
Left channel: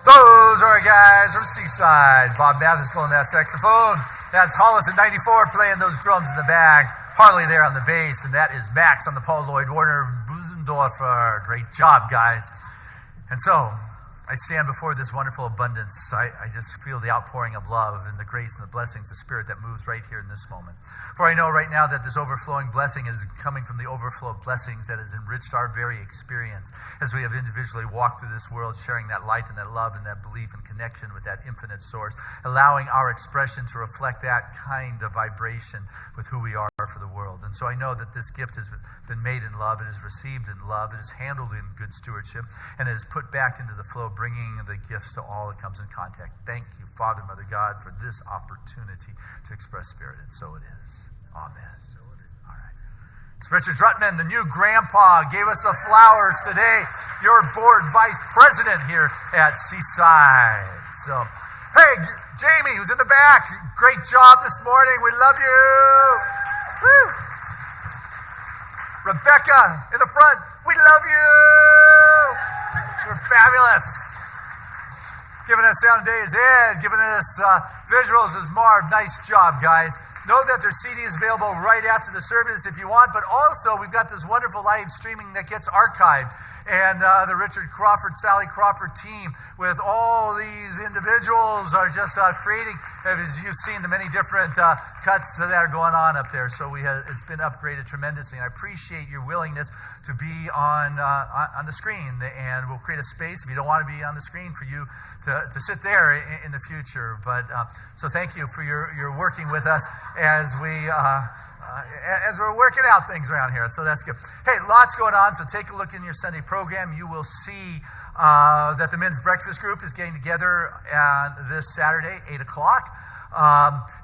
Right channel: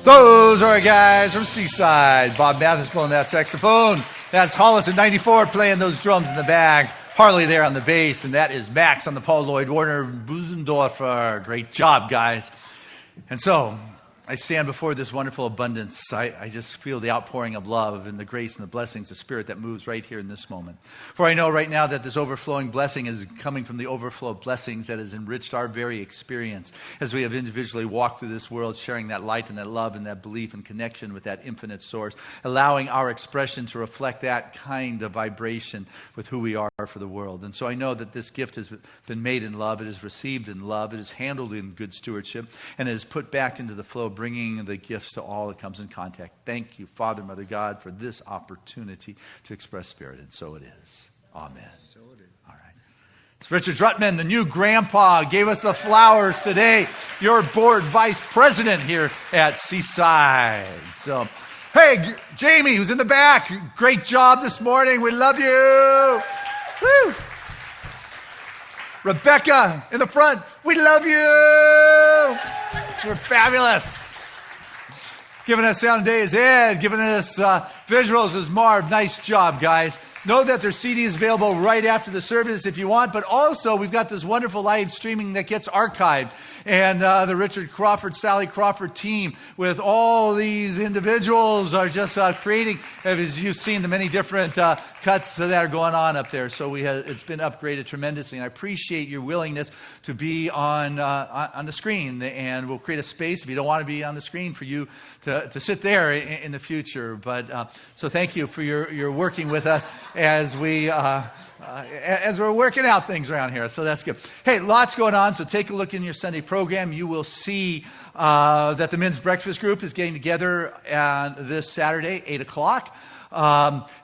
Those are our guys from Seaside. Bob Mathis blowing that saxophone. That's Hollis at 94 playing those drums in the back. Harley there on the bass. And that is Max on the Paul Lloyd Warner Busendorfer. Great job, guys. And so, I stand before this wonderful abundance. I just feel the outpouring of love and the grace and the blessings of Spirit that moves right here in this moment. For I know right now that this overflowing blessing is coming from the overflow of blessings that has enriched our very experience as we have individually walked through this world, sharing that light and that love and that belief and connection with that infinite source, allowing our expression to reflect that kind of vibration with who we are for the world. And so I know that this gift has been made in love, it is received in love, it is handled in good stewardship, and it is put back into the flow bringing the gifts to all that comes in contact. Thank you, Father, Mother, God, for this opportunity to express Spirit, and so it is. Amen. All right. It's Richard Drutman, the new grandpa, gave us the flowers today. Your board vice president here at Seaside. So, hey, Jamie, who's in the back, great job this morning. We love you. Woo. Rebecca in the front, we love you. You're fabulous. Giving us sound today is Ed. Giving us visuals is Marv. Nice job, guys. Know that there's CDs available right after the service if you want, but also we've got this wonderful live streaming that gets archived. And the Richard Crawford, Sally Crawford team with all these individuals are just creating, as you've seen, the many different cuts that are going on up there. So it's been upgraded tremendously. And I appreciate your willingness to be on the screen. And we'll create a space, if you don't want to be on the screen, for you to sit there in the future. But so thank you for your working with us as we're working out things around here. So that's good. Hey, lots going on, so take a look in your Sunday program. You will see that the men's breakfast group is getting together this Saturday, 8 o'clock.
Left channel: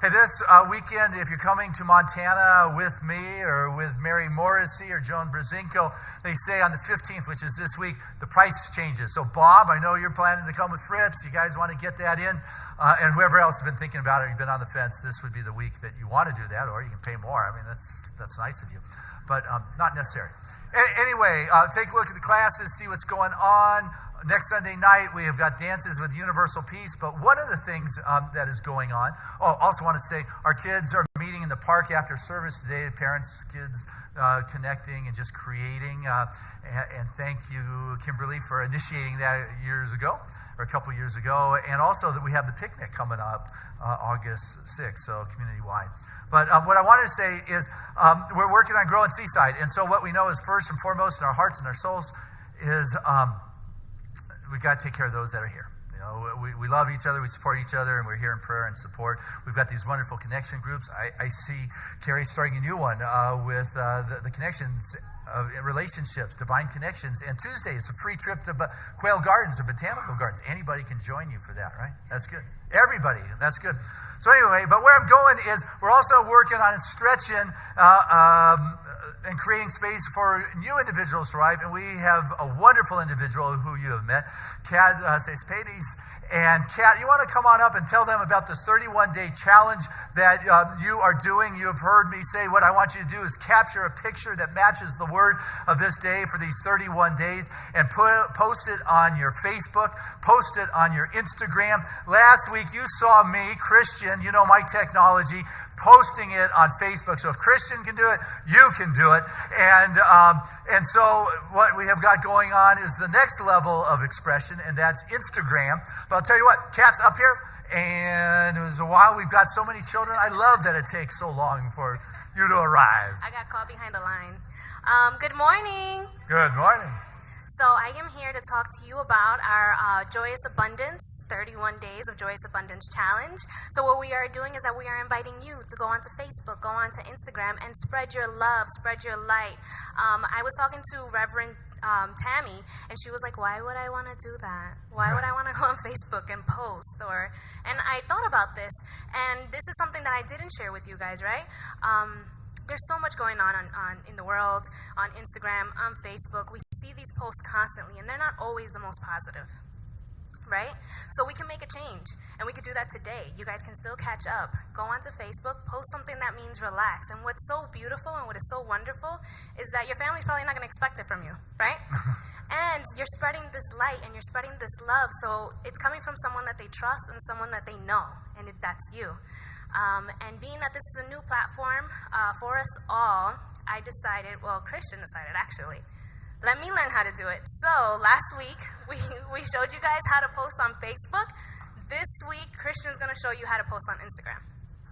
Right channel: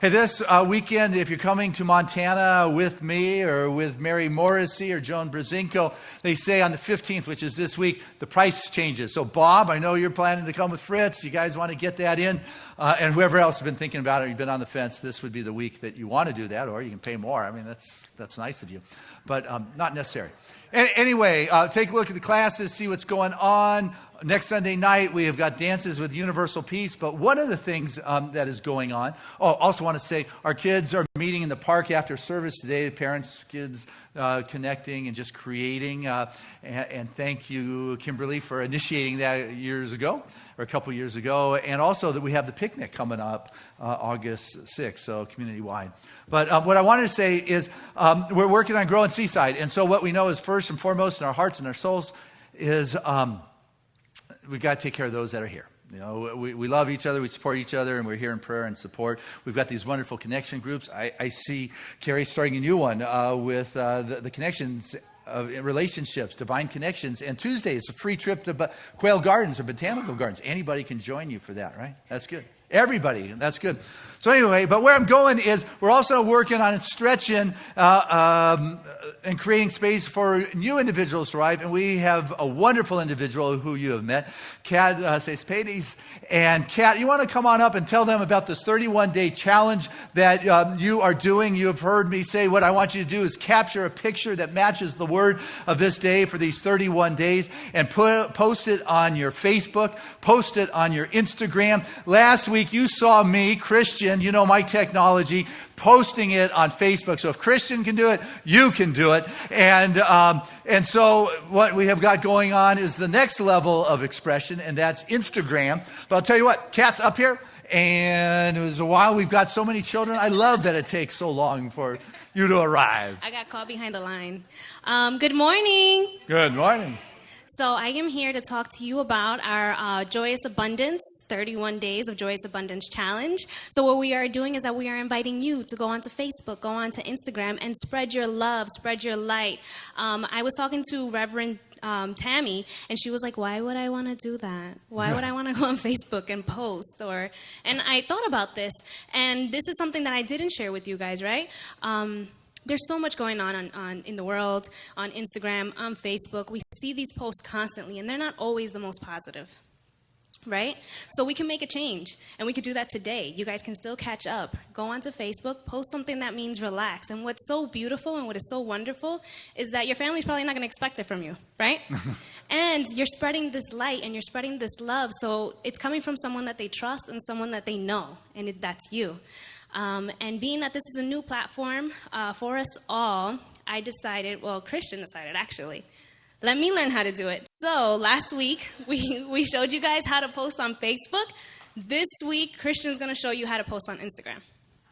Hey, this weekend, if you're coming to Montana with me or with Mary Morrissey or Joan Brzezinko, they say on the 15th, which is this week, the price changes. So, Bob, I know you're planning to come with Fritz. You guys want to get that in. And whoever else has been thinking about it, you've been on the fence, this would be the week that you want to do that, or you can pay more. I mean, that's nice of you, but not necessary. Anyway, take a look at the classes, see what's going on. Next Sunday night, we have got dances with Universal Peace. But one of the things that is going on, also want to say, our kids are meeting in the park after service today. Parents, kids connecting and just creating. And thank you, Kimberly, for initiating that years ago, or a couple years ago. And also that we have the picnic coming up August 6th, so community-wide. But what I wanted to say is we're working on growing Seaside. And so what we know is first and foremost in our hearts and our souls is we've got to take care of those that are here. You know, we love each other, we support each other, and we're here in prayer and support. We've got these wonderful connection groups. I see Carrie starting a new one with the connections of relationships, divine connections. And Tuesday is a free trip to Quail Gardens or Botanical Gardens. Anybody can join you for that, right? That's good. Everybody, that's good. So anyway, but where I'm going is we're also working on stretching and creating space for new individuals to arrive. And we have a wonderful individual who you have met, Kat Cespedes. And Kat, you want to come on up and tell them about this 31-day challenge that you are doing. You have heard me say what I want you to do is capture a picture that matches the word of this day for these 31 days and post it on your Facebook, post it on your Instagram. Last week you saw me, Christian, you know my technology, posting it on Facebook. So if Christian can do it, you can do it. And so what we have got going on is the next level of expression, and that's Instagram. But I'll tell you what, Kat's up here, and it was a while. We've got so many children. I love that it takes so long for you to arrive. I got caught behind the line. Good morning. Good morning. So I am here to talk to you about our Joyous Abundance, 31 Days of Joyous Abundance Challenge. So what we are doing is that we are inviting you to go onto Facebook, go onto Instagram, and spread your love, spread your light. I was talking to Reverend Tammy, and she was like, why would I want to do that? Why would I want to go on Facebook and post? And I thought about this, and this is something that I didn't share with you guys, right? There's so much going on in the world, on Instagram, on Facebook. We see these posts constantly, and they're not always the most positive, right? So we can make a change, and we could do that today. You guys can still catch up. Go onto Facebook, post something that means relax. And what's so beautiful and what is so wonderful is that your family's probably not going to expect it from you, right? And you're spreading this light, and you're spreading this love, so it's coming from someone that they trust and someone that they know, and that's you. And being that this is a new platform for us all, Christian decided actually, let me learn how to do it. So last week, we showed you guys how to post on Facebook. This week, Christian's going to show you how to post on Instagram.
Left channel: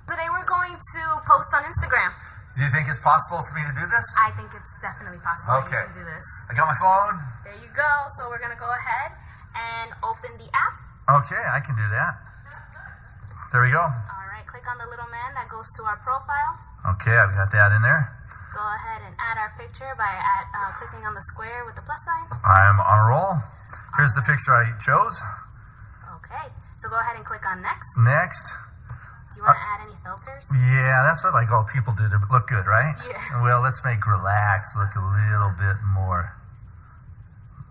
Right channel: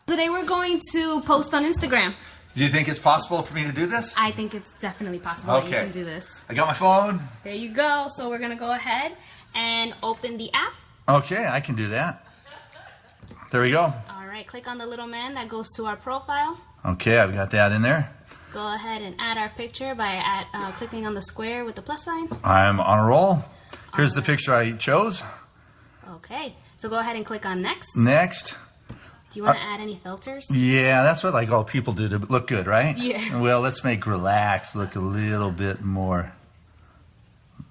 Today we're going to post on Instagram. Do you think it's possible for me to do this? I think it's definitely possible that you can do this. I got my phone. There you go. So we're going to go ahead and open the app. Okay, I can do that. There we go. All right, click on the little man that goes to our profile. Okay, I've got that in there. Go ahead and add our picture by clicking on the square with the plus sign. I'm on a roll. Here's the picture I chose. Okay, so go ahead and click on next. Next. Do you want to add any filters? Yeah, that's what like all people do to look good, right? Yeah. Well, let's make relax look a little bit more.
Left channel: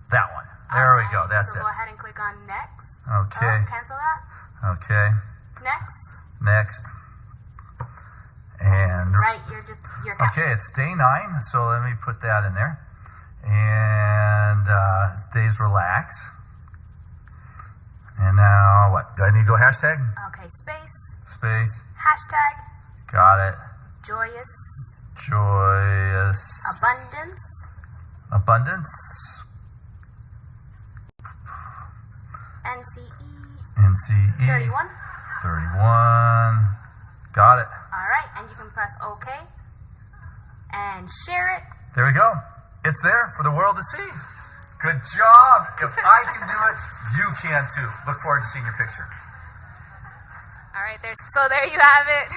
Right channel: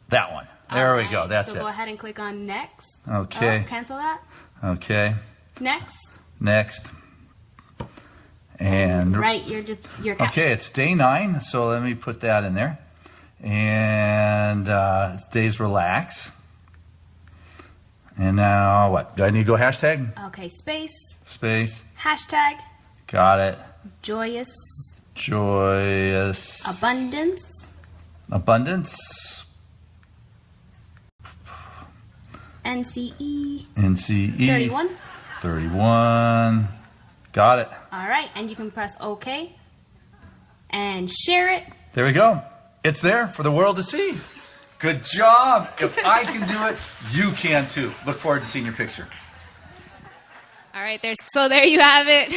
That one. There we go. That's so it. Go ahead and click on next. Okay. Oh, cancel that. Okay. Next. Next. And Right, your caption. okay, it's day 9, so let me put that in there. And days relax. And now what? Do I need to go hashtag? Okay, space. Space. Hashtag. Got it. Joyous. Joyous. Abundance. Abundance. NCE. NCE. 31. 31. Got it. All right, and you can press OK and share it. There we go. It's there for the world to see. Good job. If I can do it, you can too. Look forward to seeing your picture. All right, there you have it.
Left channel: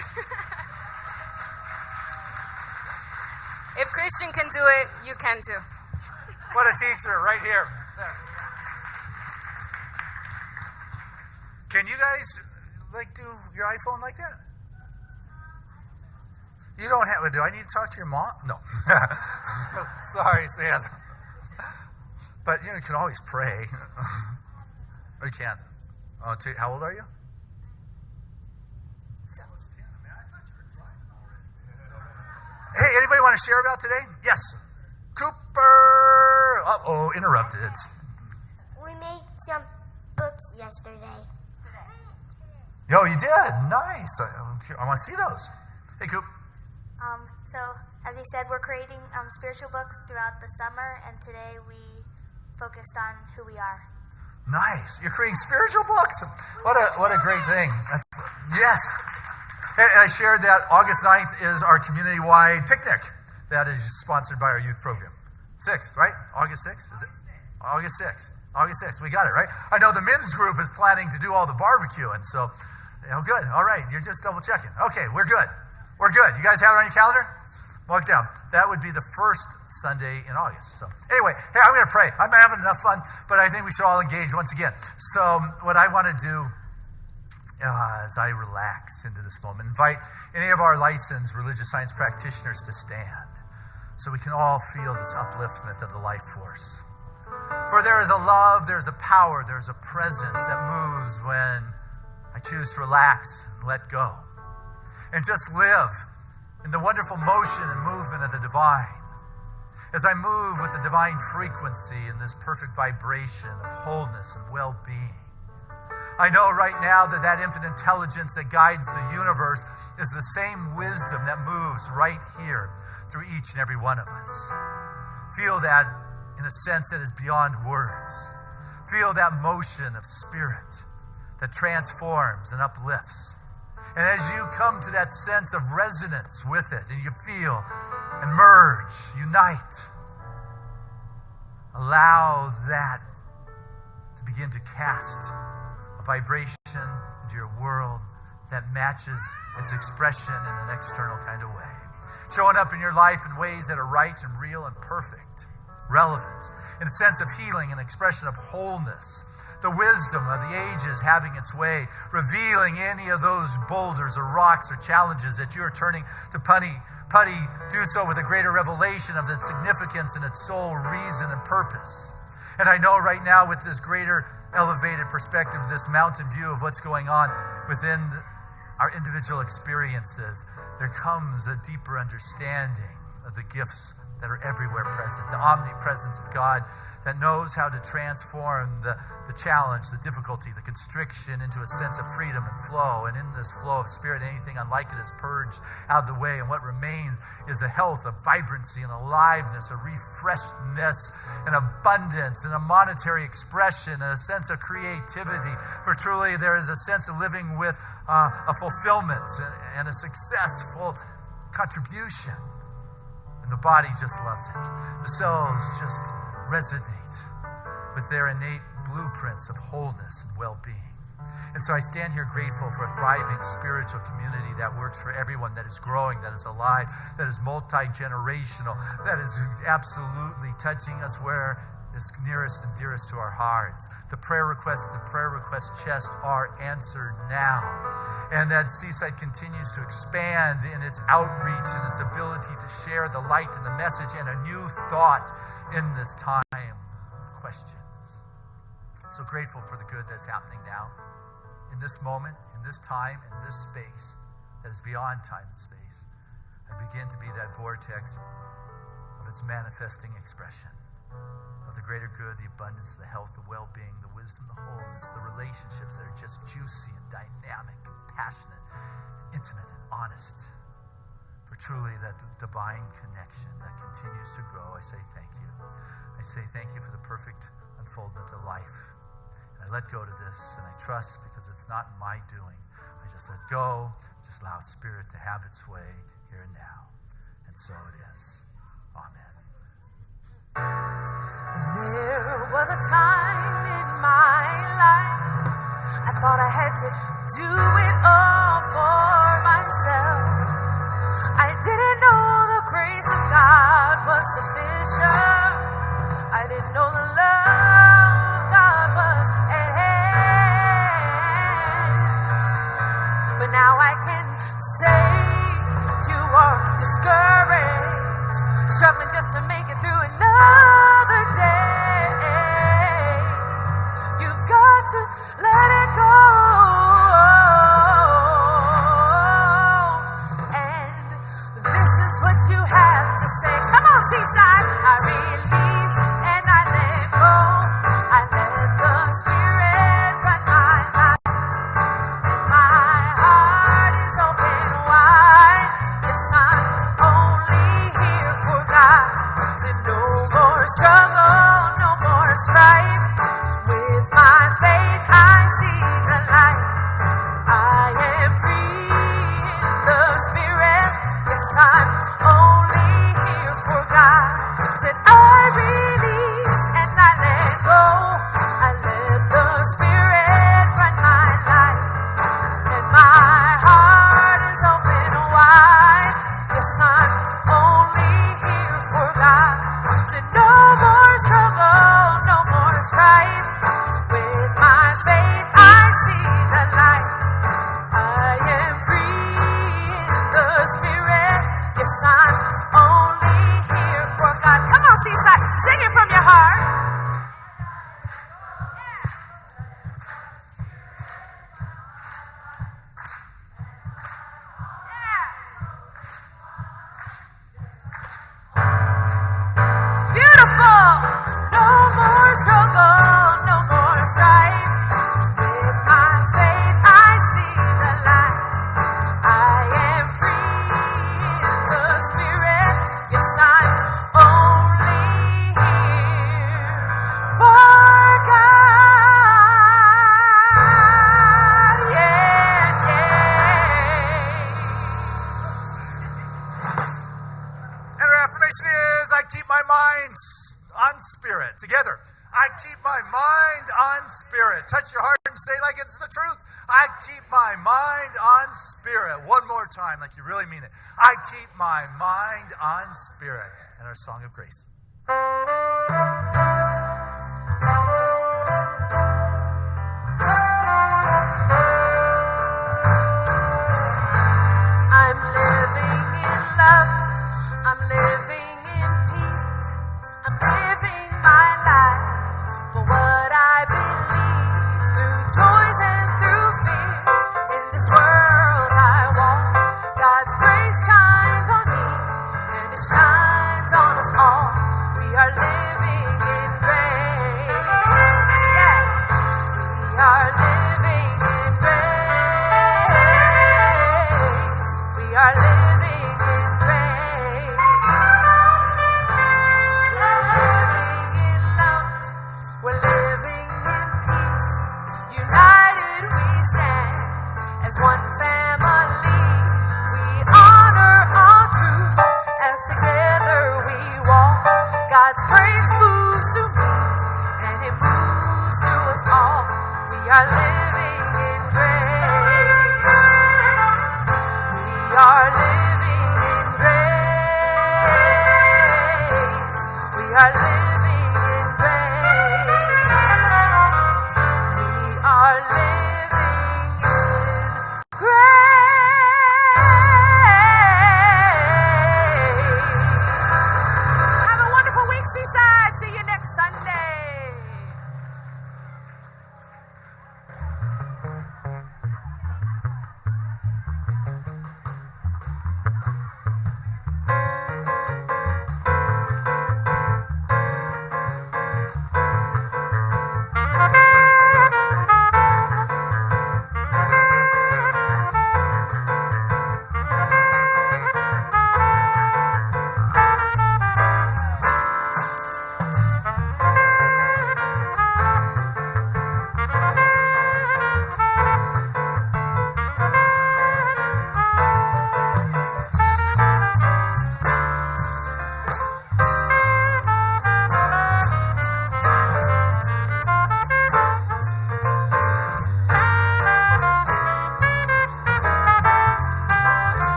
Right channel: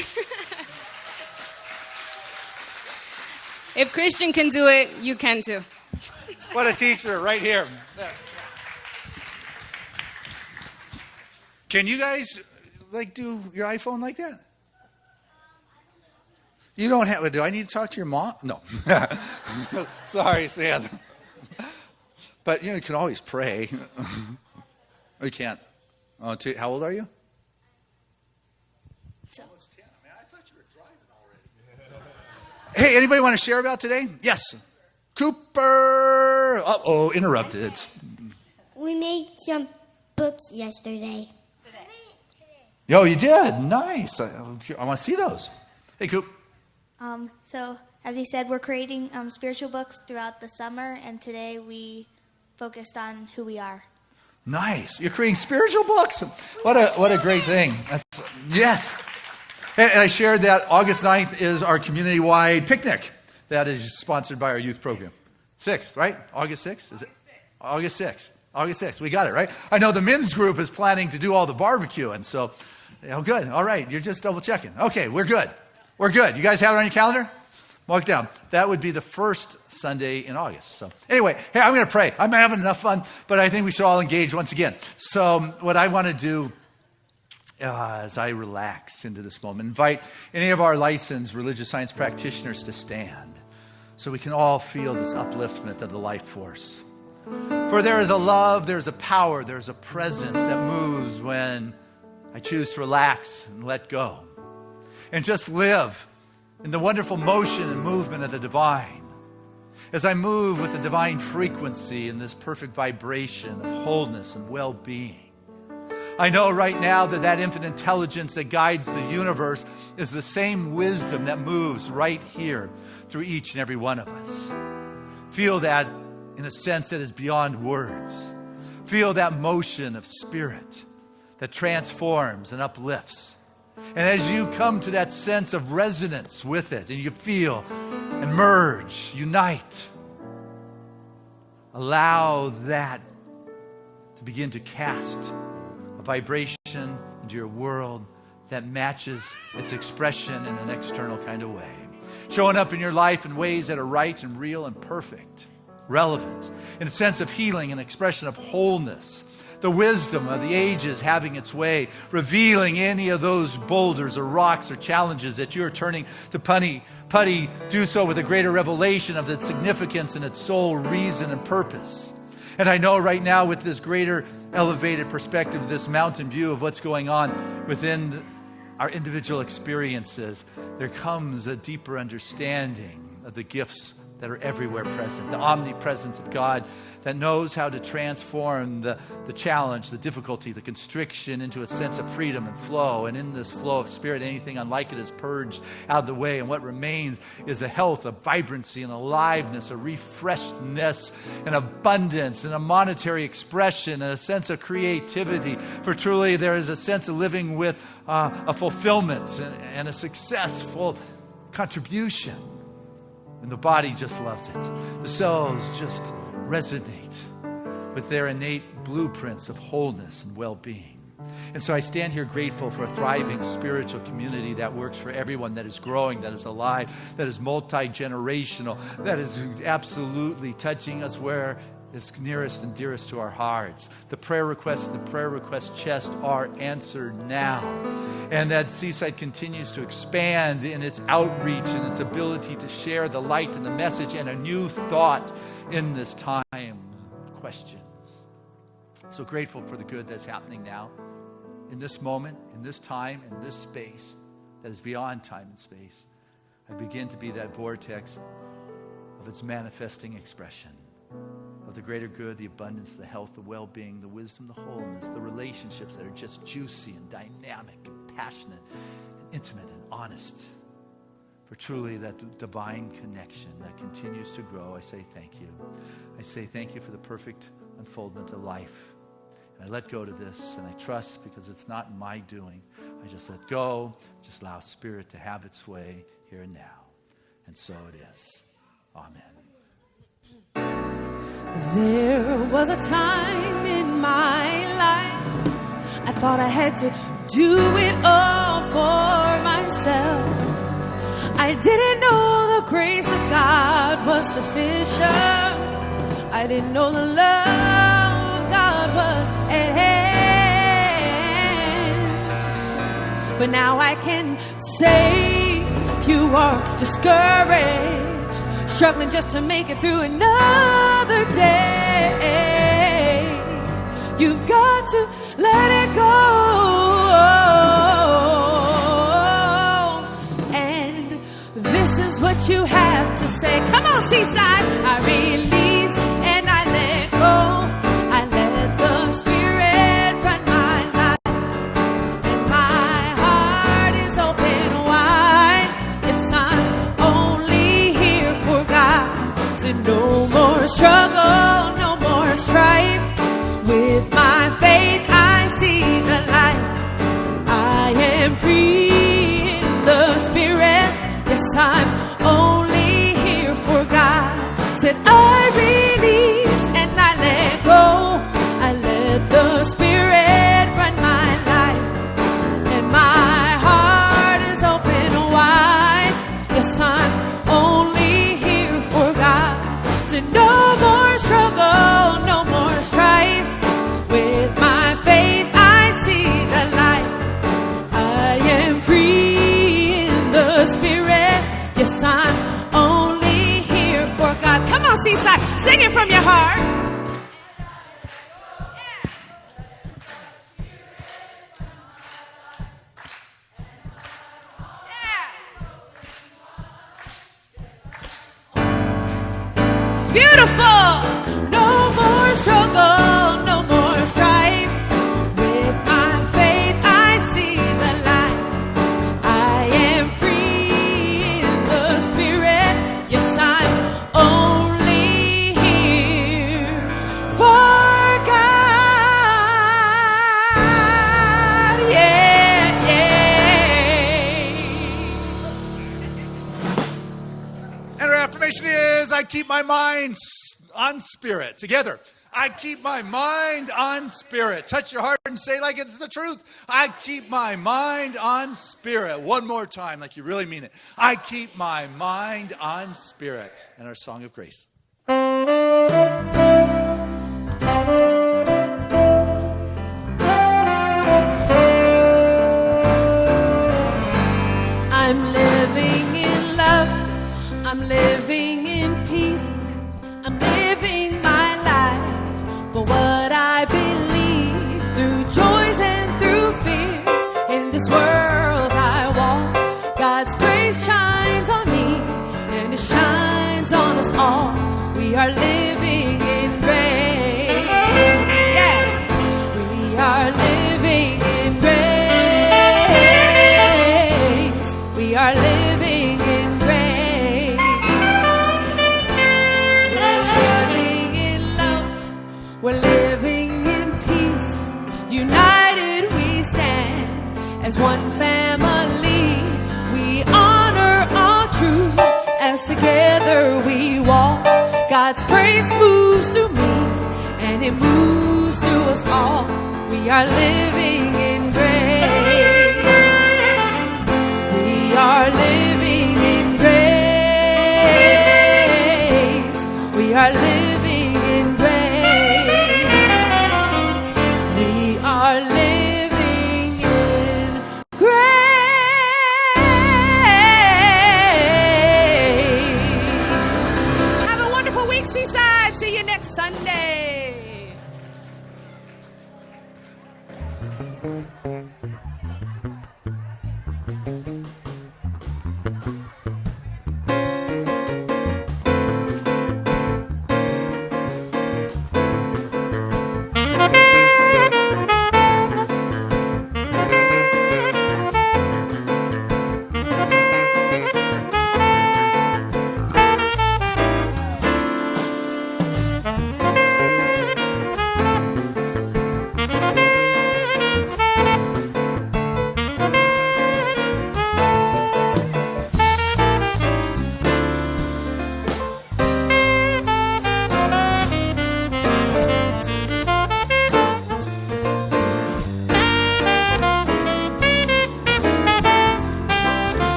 If Christian can do it, you can too. What a teacher right here. Can you guys like do your iPhone like that? You don't have. Do I need to talk to your mom? No. Sorry, Sam. But you can always pray. You can't. Oh, how old are you? So. Oh, it's 10. Man, I thought you were driving already. Hey, anybody want to share about today? Yes. Cooper. Uh-oh, interrupted. We made some books yesterday. Oh, you did? Nice. I want to see those. Hey, Coop. So, as he said, we're creating spiritual books throughout the summer, and today we focused on who we are. Nice. You're creating spiritual books. What a great thing. Yes. And I shared that August 9th is our community-wide picnic that is sponsored by our youth program. 6th, right? August 6th? Is it? August 6th. August 6th. We got it, right? I know the men's group is planning to do all the barbecuing, so good. All right. You're just double checking. Okay, we're good. We're good. You guys have it on your calendar? Mark it down. That would be the first Sunday in August. So anyway, hey, I'm going to pray. I'm having enough fun, but I think we should all engage once again. So what I want to do as I relax into this moment, invite any of our licensed religious science practitioners to stand so we can all feel this upliftment of the life force. For there is a love, there's a power, there's a presence that moves when I choose to relax and let go and just live in the wonderful motion and movement of the divine. As I move with the divine frequency in this perfect vibration of wholeness and well-being, I know right now that infinite intelligence that guides the universe is the same wisdom that moves right here through each and every one of us. Feel that in a sense that is beyond words. Feel that motion of spirit that transforms and uplifts. And as you come to that sense of resonance with it, and you feel and merge, unite, allow that to begin to cast a vibration into your world that matches its expression in an external kind of way. Showing up in your life in ways that are right and real and perfect, relevant, in a sense of healing and expression of wholeness. The wisdom of the ages having its way, revealing any of those boulders or rocks or challenges that you're turning to putty, do so with a greater revelation of its significance and its sole reason and purpose. And I know right now with this greater elevated perspective, this mountain view of what's going on within our individual experiences, there comes a deeper understanding of the gifts that are everywhere present, the omnipresence of God that knows how to transform the challenge, the difficulty, the constriction into a sense of freedom and flow. And in this flow of spirit, anything unlike it is purged out of the way. And what remains is a health, a vibrancy, and aliveness, a refreshedness, an abundance, and a monetary expression, and a sense of creativity. For truly there is a sense of living with a fulfillment and a successful contribution. And the body just loves it. The cells just resonate with their innate blueprints of wholeness and well-being. And so I stand here grateful for a thriving spiritual community that works for everyone, that is growing, that is alive, that is multi-generational, that is absolutely touching us where is nearest and dearest to our hearts. The prayer requests in the prayer request chest are answered now. And that Seaside continues to expand in its outreach and its ability to share the light and the message and a new thought in this time of questions. So grateful for the good that's happening now, in this moment, in this time, in this space that is beyond time and space. I begin to be that vortex of its manifesting expression, of the greater good, the abundance, the health, the well-being, the wisdom, the wholeness, the relationships that are just juicy and dynamic and passionate and intimate and honest. For truly that divine connection that continues to grow, I say thank you. I say thank you for the perfect unfoldment of life. And I let go to this, and I trust because it's not my doing. I just let go, just allow Spirit to have its way here and now. And so it is. Amen. There was a time in my life I thought I had to do it all for myself. I didn't know the grace of God was sufficient. I didn't know the love of God was at hand. But now I can say, if you are discouraged, struggling just to make it through another day, you've got to let it go. And this is what you have to say. Come on, Seaside. I release and I let go. I let the Spirit run my life, and my heart is open wide. Yes, I'm only here for God. So no more struggle, no more strife. With my faith I see the light. I am free in the Spirit. Yes, I'm only here for God. Said I release and I let go. I let the Spirit run my life, and my heart is open wide. Yes, I'm only here for God. Said no more struggle, no more strife. With my faith I see the light. I am free in the Spirit. Yes, I'm only here for God. Come on, Seaside, sing it from your heart. Beautiful. No more struggle, no more strife. With my faith I see the light. I am free in the Spirit. Yes, I'm only here for God. Yeah, yeah. And our affirmation is, I keep my mind on Spirit. Together. I keep my mind on Spirit. Touch your heart and say like it's the truth. I keep my mind on Spirit. One more time, like you really mean it. I keep my mind on Spirit. And our song of grace. I'm living in love. I'm living in peace. I'm living my life for what I believe, through joys and through fears. In this world I walk, God's grace shines on me, and it shines on us all. We are living in grace. Yeah, we are living in grace. We are living in grace. We're living in peace. United we stand as one family. We honor all truth as together we walk. God's grace moves through me, and it moves through us all. We are living in grace. We are living in grace. We are living